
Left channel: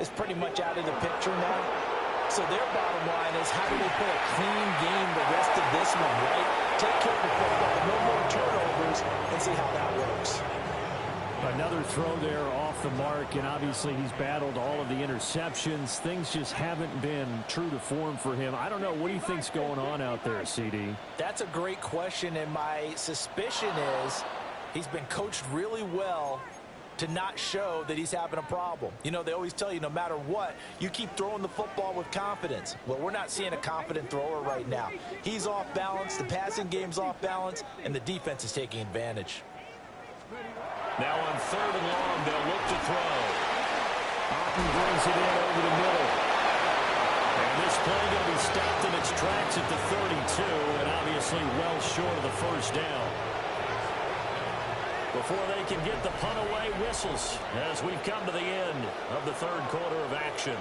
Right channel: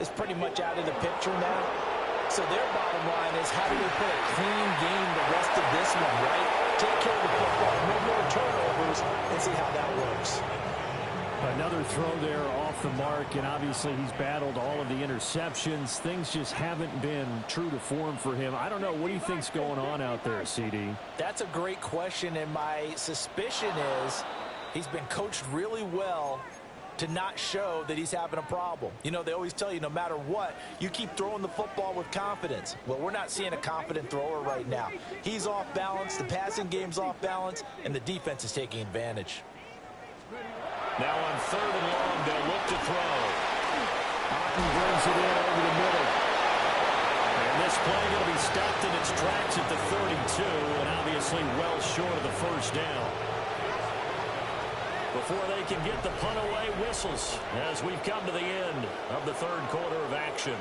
is pretty much out of the picture now. So their bottom line is, how do they play a clean game the rest of this one, right? Take care of the football, no more turnovers, and see how that works. Another throw there off the mark, and obviously he's battled all of the interceptions. Things just haven't been true to form for him. I don't know. What do you think's going on out there, CD? That's a great question, and my suspicion is he's been coached really well to not show that he's having a problem. You know, they always tell you no matter what, you keep throwing the football with confidence. Well, we're not seeing a confident thrower right now. He's off balance, the passing game's off balance, and the defense is taking advantage. Now on 3rd and long, they'll look to throw. Otten brings it in over the middle. And this play going to be stopped in its tracks at the 32, and obviously well short of the first down. Before they can get the punt away, whistles as we've come to the end of the 3rd quarter of action.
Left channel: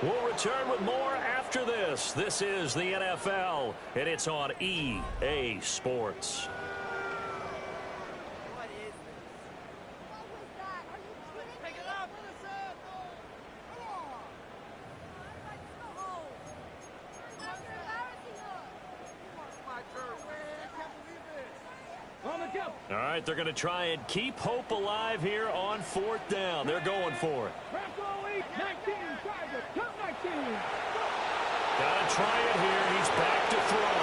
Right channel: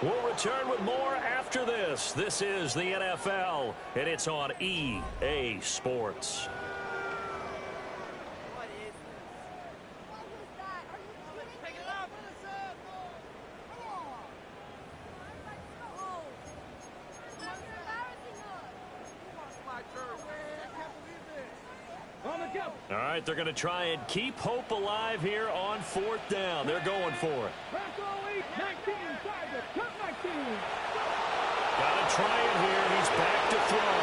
We'll return with more after this. This is the NFL, and it's on EA Sports. All right, they're going to try and keep hope alive here on 4th down. They're going for it. Got to try it here. He's back to throw.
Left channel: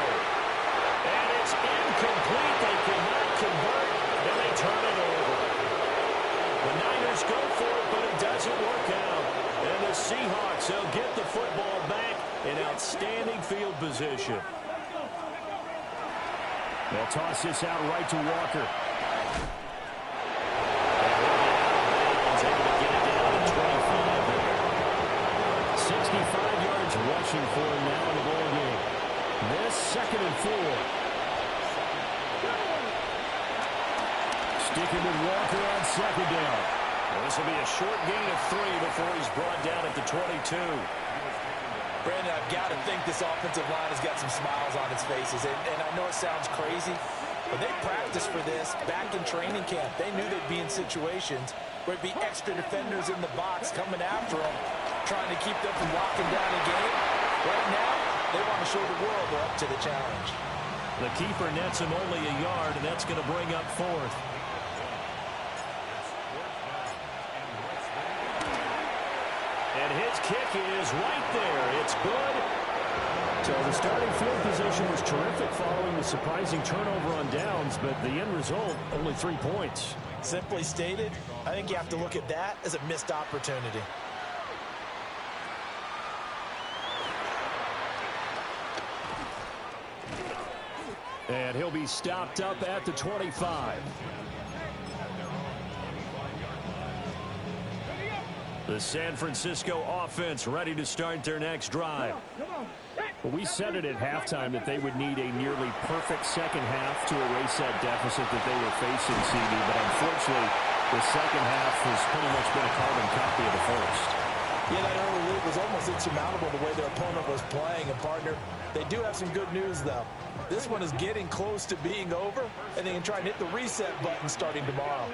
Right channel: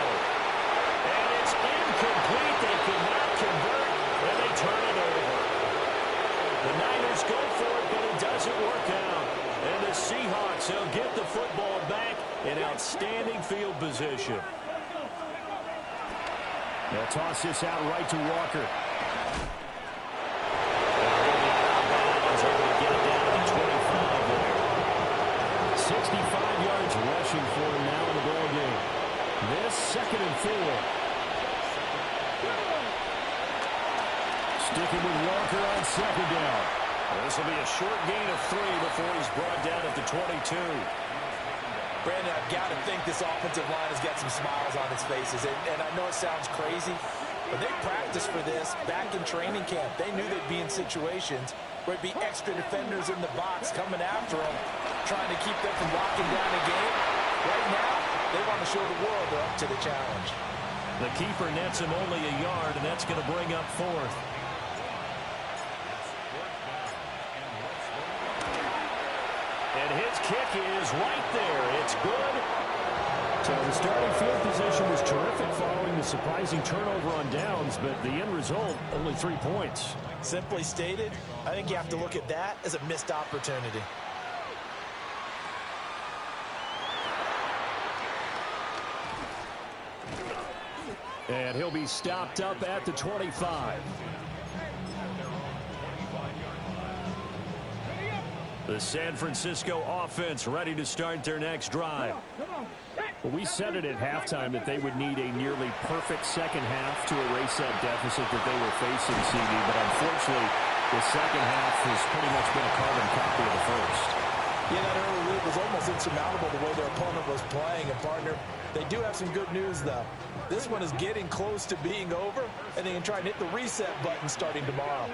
And it's incomplete. They cannot convert, and they turn it over. The Niners go for it, but it doesn't work out. And the Seahawks, they'll get the football back in outstanding field position. They'll toss this out right to Walker. And he'll be out of bounds, able to get it down to the 25 there. 65 yards rushing for him now in the ball game. This 2nd and 4. Sticking with Walker on 2nd down. Well, this will be a short gain of 3 before he's brought down at the 22. Brandon, I've got to think this offensive line has got some smiles on its faces. And I know it sounds crazy, but they practiced for this back in training camp. They knew they'd be in situations where it'd be extra defenders in the box coming after them, trying to keep them from locking down a game. Right now, they want to show the world they're up to the challenge. The keeper nets him only a yard, and that's going to bring up 4th. And his kick is right there. It's good. So the starting field position was terrific following the surprising turnover on downs, but the end result, only 3 points. Simply stated, I think you have to look at that as a missed opportunity. And he'll be stopped up at the 25. The San Francisco offense ready to start their next drive. Well, we said it at halftime that they would need a nearly perfect second half to erase that deficit that they were facing, CD. But unfortunately, the second half has pretty much been a carbon copy of the first. Yeah, that early lead was almost insurmountable the way their opponent was playing. And, partner, they do have some good news, though. This one is getting close to being over, and they can try and hit the reset button starting tomorrow.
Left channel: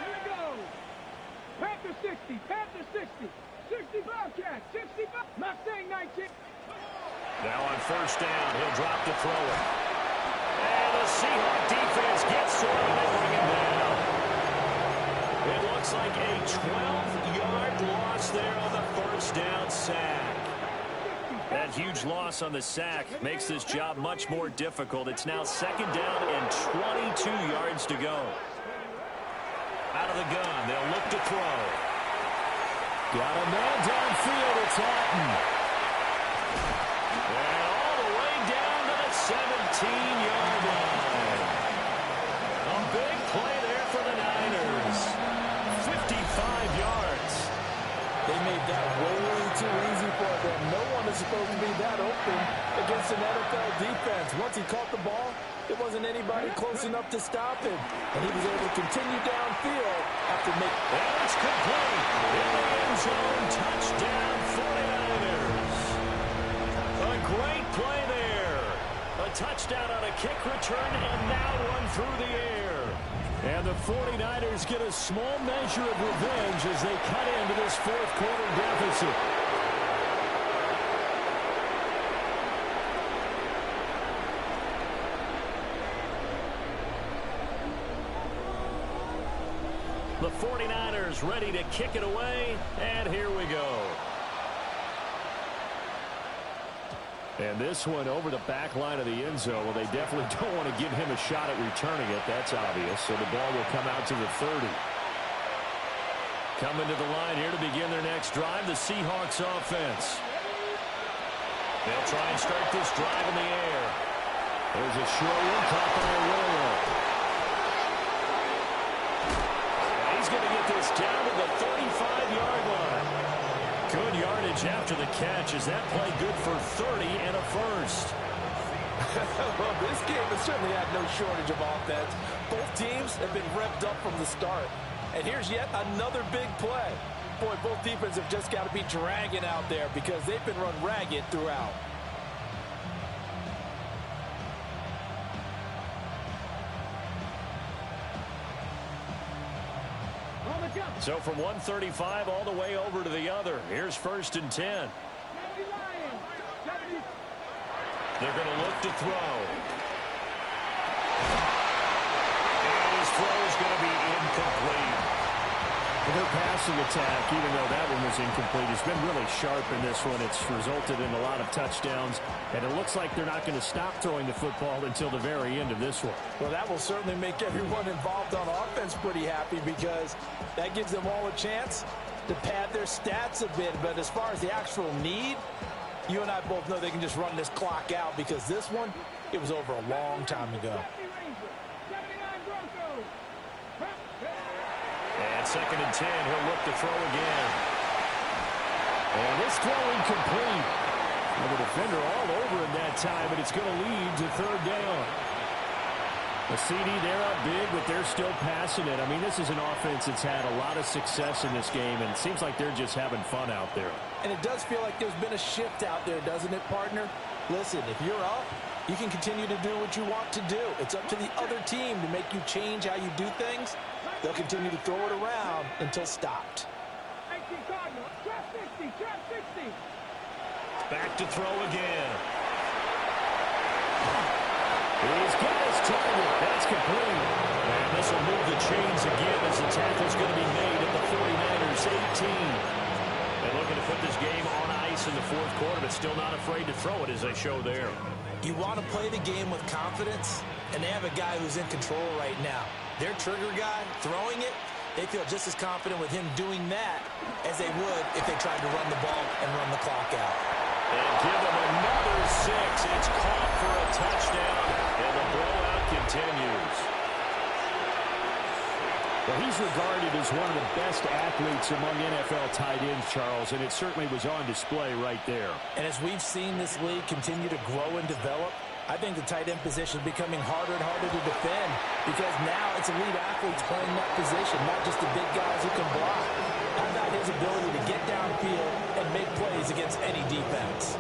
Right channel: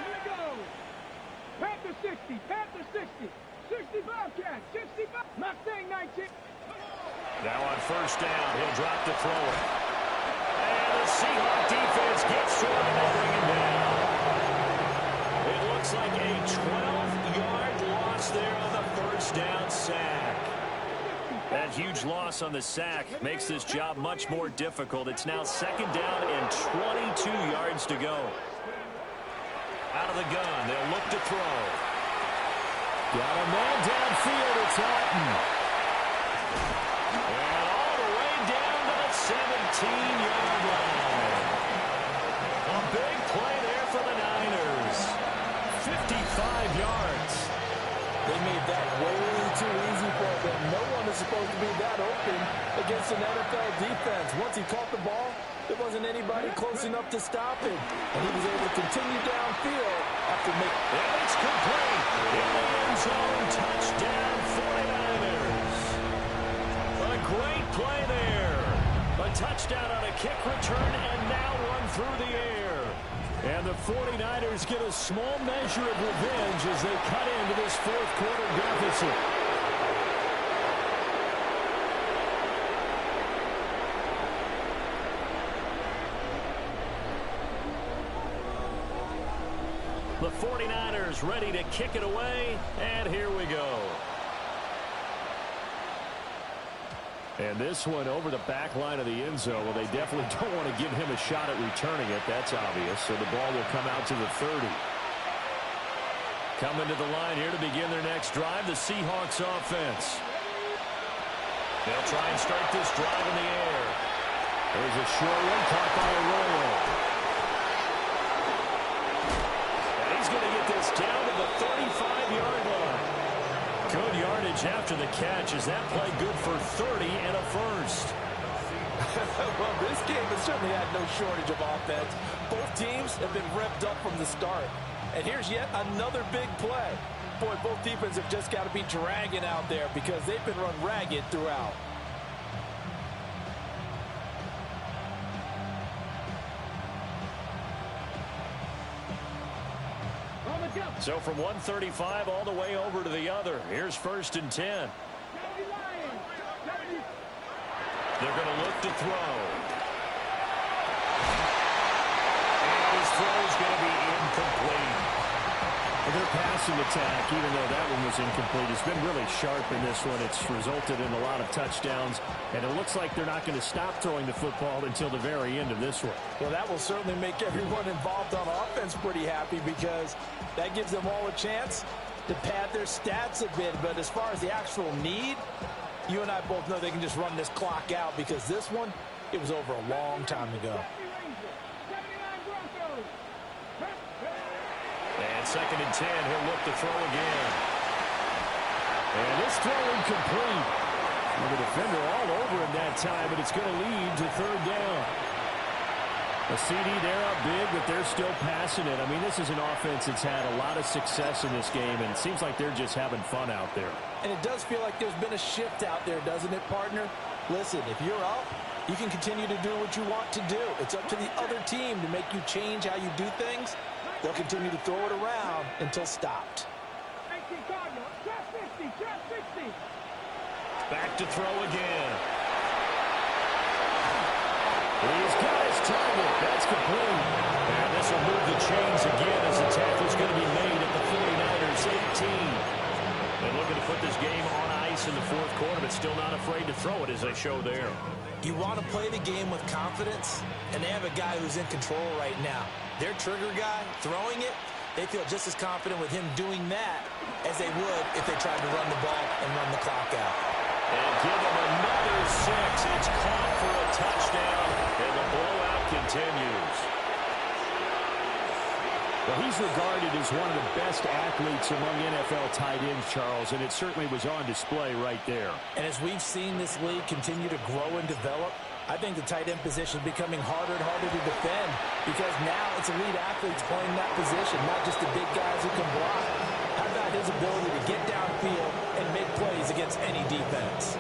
Panther 60, Panther 60, 60 Bobcat, 65, Mustang 19. Now on 1st down, he'll drop to throw it. And the Seahawk defense gets to him, and they bring him down. It looks like a 12-yard loss there on the 1st down sack. That huge loss on the sack makes this job much more difficult. It's now 2nd down and 22 yards to go. Out of the gun, they'll look to throw. Got a man downfield, it's Otten. And all the way down to the 17-yard line. A big play there for the Niners. 55 yards. They made that way too easy for them. No one is supposed to be that open against an NFL defense. Once he caught the ball, There wasn't anybody close enough to stop him, and he was able to continue downfield after making... And it's complete. In the end zone, touchdown 49ers. A great play there. A touchdown on a kick return, and now one through the air. And the 49ers get a small measure of revenge as they cut into this fourth quarter deficit. The 49ers ready to kick it away, and here we go. And this one over the back line of the end zone. Well, they definitely don't want to give him a shot at returning it. That's obvious. So the ball will come out to the 30. Coming to the line here to begin their next drive, the Seahawks offense. They'll try and start this drive in the air. There's a short one caught by Arroyo. He's going to get this down to the 35-yard line. Good yardage after the catch. Is that play good for 30 and a first? Well, this game has certainly had no shortage of offense. Both teams have been revved up from the start. And here's yet another big play. Boy, both defenses have just got to be dragging out there because they've been run ragged throughout. So from 135 all the way over to the other. Here's 1st and 10. They're going to look to throw. And his throw is going to be incomplete. Their passing attack, even though that one was incomplete, has been really sharp in this one. It's resulted in a lot of touchdowns, and it looks like they're not going to stop throwing the football until the very end of this one. Well, that will certainly make everyone involved on offense pretty happy because that gives them all a chance to pad their stats a bit. But as far as the actual need, you and I both know they can just run this clock out because this one, it was over a long time ago. And 2nd and 10, he'll look to throw again. And this throw incomplete. Well, the defender all over him that time, but it's going to lead to 3rd down. A CD, they're up big, but they're still passing it. I mean, this is an offense that's had a lot of success in this game, and it seems like they're just having fun out there. And it does feel like there's been a shift out there, doesn't it, partner? Listen, if you're up, you can continue to do what you want to do. It's up to the other team to make you change how you do things. They'll continue to throw it around until stopped. Back to throw again. He's got his target. That's complete. And this will move the chains again as the tackle's going to be made at the 49ers 18. They're looking to put this game on ice in the fourth quarter, but still not afraid to throw it as they show there. You want to play the game with confidence, and they have a guy who's in control right now. Their trigger guy, throwing it, they feel just as confident with him doing that as they would if they tried to run the ball and run the clock out. And give him another 6. It's caught for a touchdown, and the blowout continues. Well, he's regarded as one of the best athletes among NFL tight ends, Charles, and it certainly was on display right there. And as we've seen this league continue to grow and develop, I think the tight end position is becoming harder and harder to defend because now it's elite athletes playing that position, not just the big guys who can block. How about his ability to get downfield and make plays against any defense?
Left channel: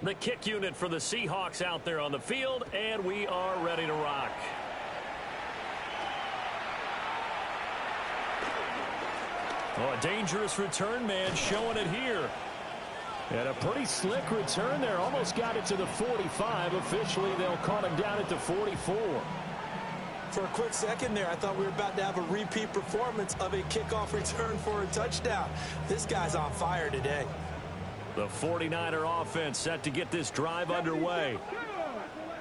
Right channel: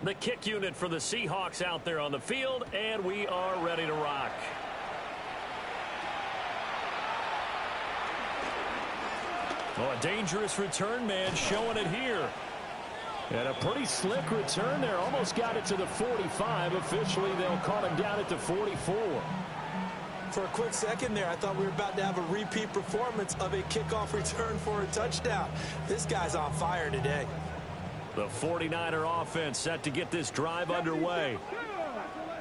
The kick unit for the Seahawks out there on the field, and we are ready to rock. Oh, a dangerous return man showing it here. And a pretty slick return there. Almost got it to the 45. Officially, they'll call him down at the 44. For a quick second there, I thought we were about to have a repeat performance of a kickoff return for a touchdown. This guy's on fire today. The 49er offense set to get this drive underway.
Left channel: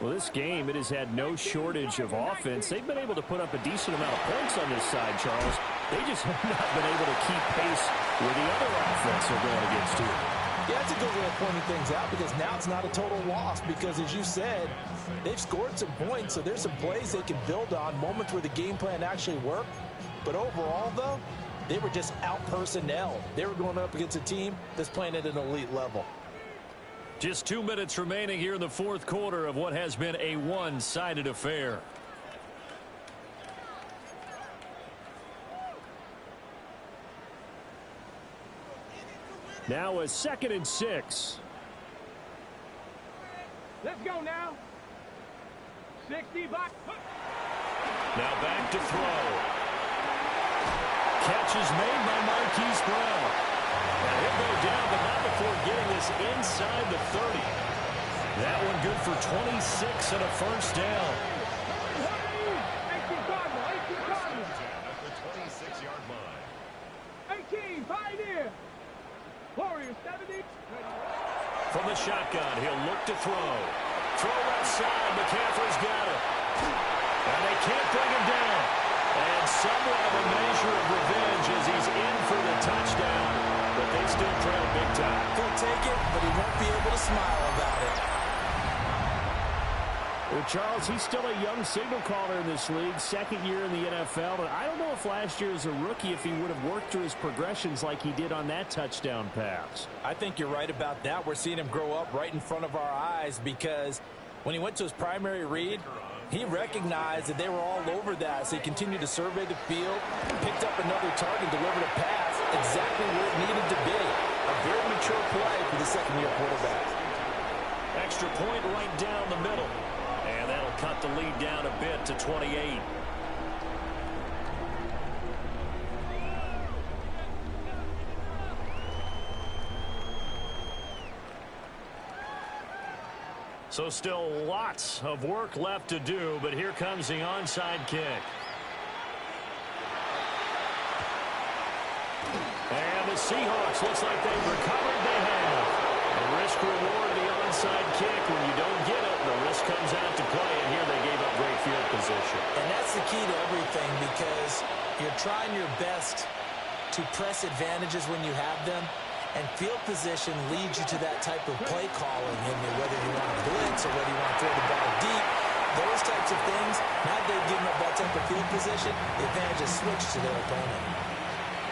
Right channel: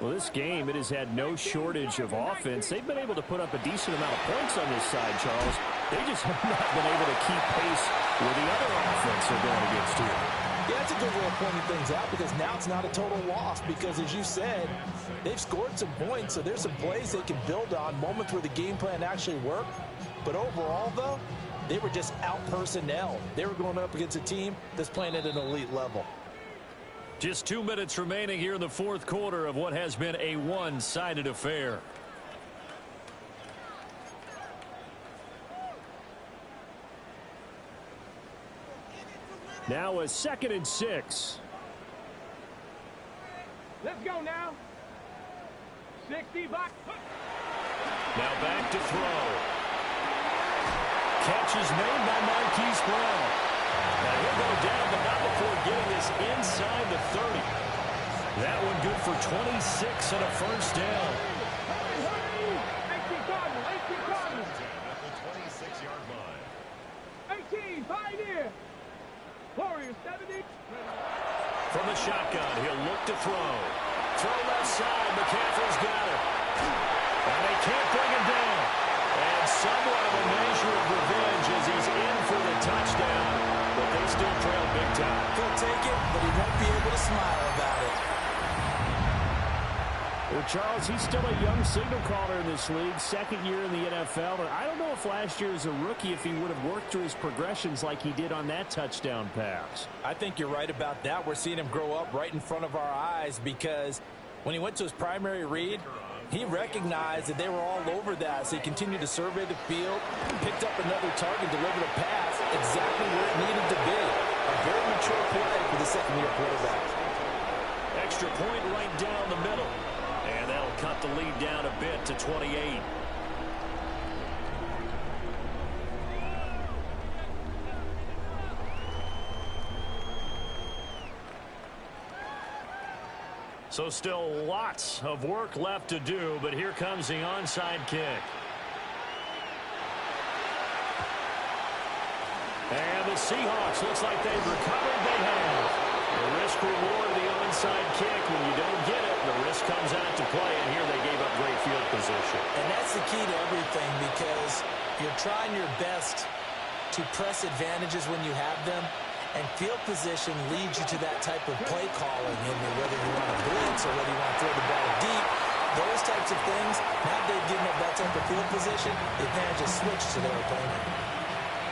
Well, this game, it has had no shortage of offense. They've been able to put up a decent amount of points on this side, Charles. They just have not been able to keep pace with the other offense they're going against here. Yeah, that's a good way of pointing things out, because now it's not a total loss, because as you said, they've scored some points, so there's some plays they can build on, moments where the game plan actually worked. But overall, though, they were just out-personnel. They were going up against a team that's playing at an elite level. Just 2 minutes remaining here in the fourth quarter of what has been a one-sided affair. Now a 2nd and 6. Let's go now. 60 back. Now back to throw. Catch is made by Marquise Brown. And he'll go down, but not before getting this inside the 30. That one good for 26 and a first down. Hurry, 18 Cardinal, 18 Cardinal. At the 26-yard line. 18, pioneer. Warriors, 70. From the shotgun, he'll look to throw. Throw left side, McCaffrey's got it. And they can't bring him down. And somewhat of a measure of revenge as he's in for the touchdown, but they still trail big time. He'll take it, but he won't be able to smile about it. Well, Charles, he's still a young signal caller in this league, 2nd year in the NFL. And I don't know if last year as a rookie, if he would have worked through his progressions like he did on that touchdown pass. I think you're right about that. We're seeing him grow up right in front of our eyes, because when he went to his primary read, he recognized that they were all over that, so he continued to survey the field, picked up another target, delivered a pass exactly where it needed to be. A very mature play for the second-year quarterback. Extra point right down the middle. And that'll cut the lead down a bit to 28. So still lots of work left to do, but here comes the onside kick. And the Seahawks, looks like they've recovered. They have. The risk-reward of the onside kick. When you don't get it, the risk comes out to play, and here they gave up great field position. And that's the key to everything, because you're trying your best to press advantages when you have them, and field position leads you to that type of play calling, and whether you want to blitz or whether you want to throw the ball deep, those types of things. Now they've given up that type of field position, the advantage is switched to their opponent.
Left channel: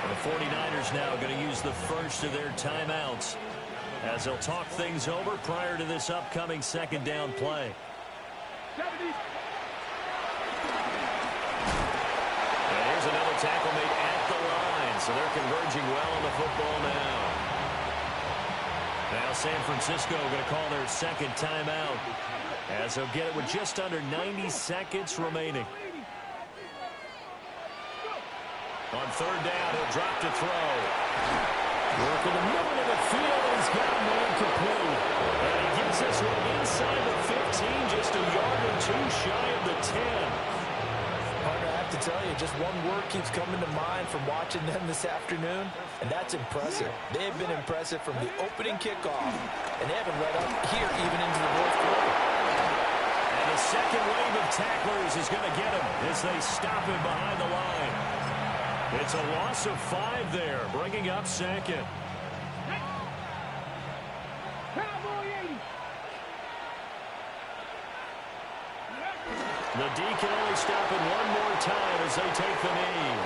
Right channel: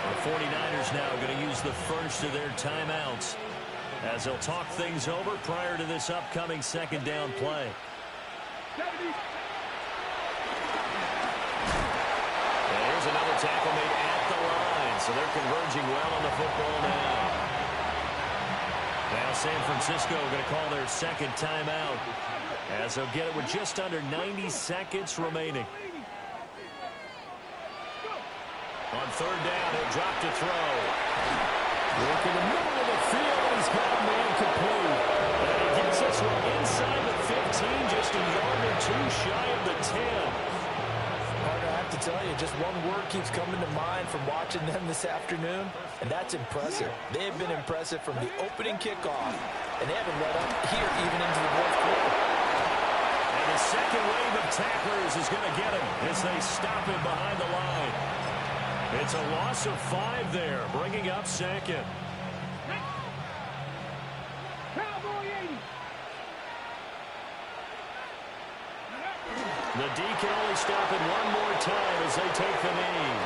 The 49ers now going to use the first of their timeouts as they'll talk things over prior to this upcoming second down play. 70. And here's another tackle made at the line, so they're converging well on the football now. Now San Francisco going to call their second timeout as they'll get it with just under 90 seconds remaining. On third down, he'll drop to throw. Work in the middle of the field, and he's got a man complete. And he gets this one inside the 15, just a yard or two shy of the 10. Partner, I have to tell you, just one word keeps coming to mind from watching them this afternoon, and that's impressive. They have been impressive from the opening kickoff, and they haven't let up here even into the fourth quarter. And the second wave of tacklers is going to get him as they stop him behind the line. It's a loss of 5 there, bringing up second. Cowboy 80. The D can only stop it one more time as they take the knee.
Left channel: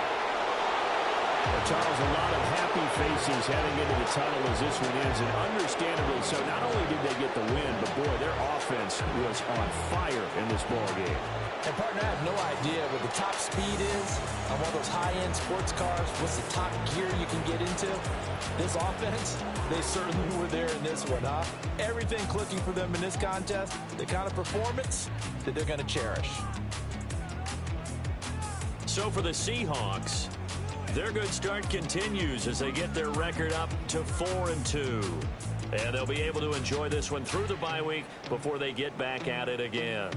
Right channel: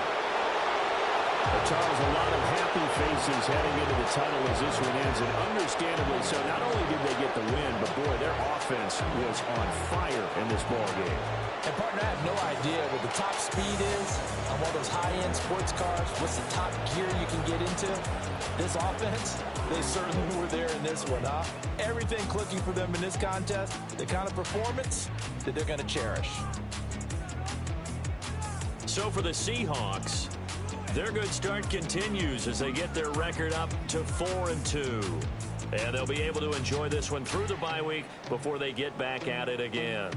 Well, Charles, a lot of happy faces heading into the tunnel as this one ends, and understandably so. Not only did they get the win, but boy, their offense was on fire in this ball game. And, partner, I have no idea what the top speed is on one of those high-end sports cars. What's the top gear you can get into? This offense, they certainly were there in this one, huh? Everything clicking for them in this contest, the kind of performance that they're going to cherish. So for the Seahawks, their good start continues as they get their record up to 4-2. And they'll be able to enjoy this one through the bye week before they get back at it again.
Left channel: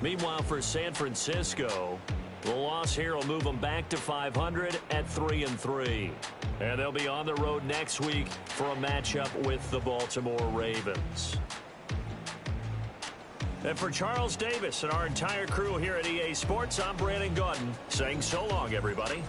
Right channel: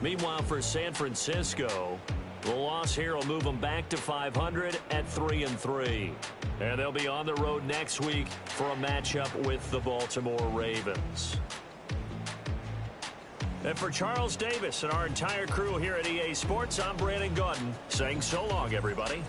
Meanwhile, for San Francisco, The loss here will move them back to 500 at 3-3. And they'll be on the road next week for a matchup with the Baltimore Ravens. And for Charles Davis and our entire crew here at EA Sports, I'm Brandon Gaudin saying so long, everybody.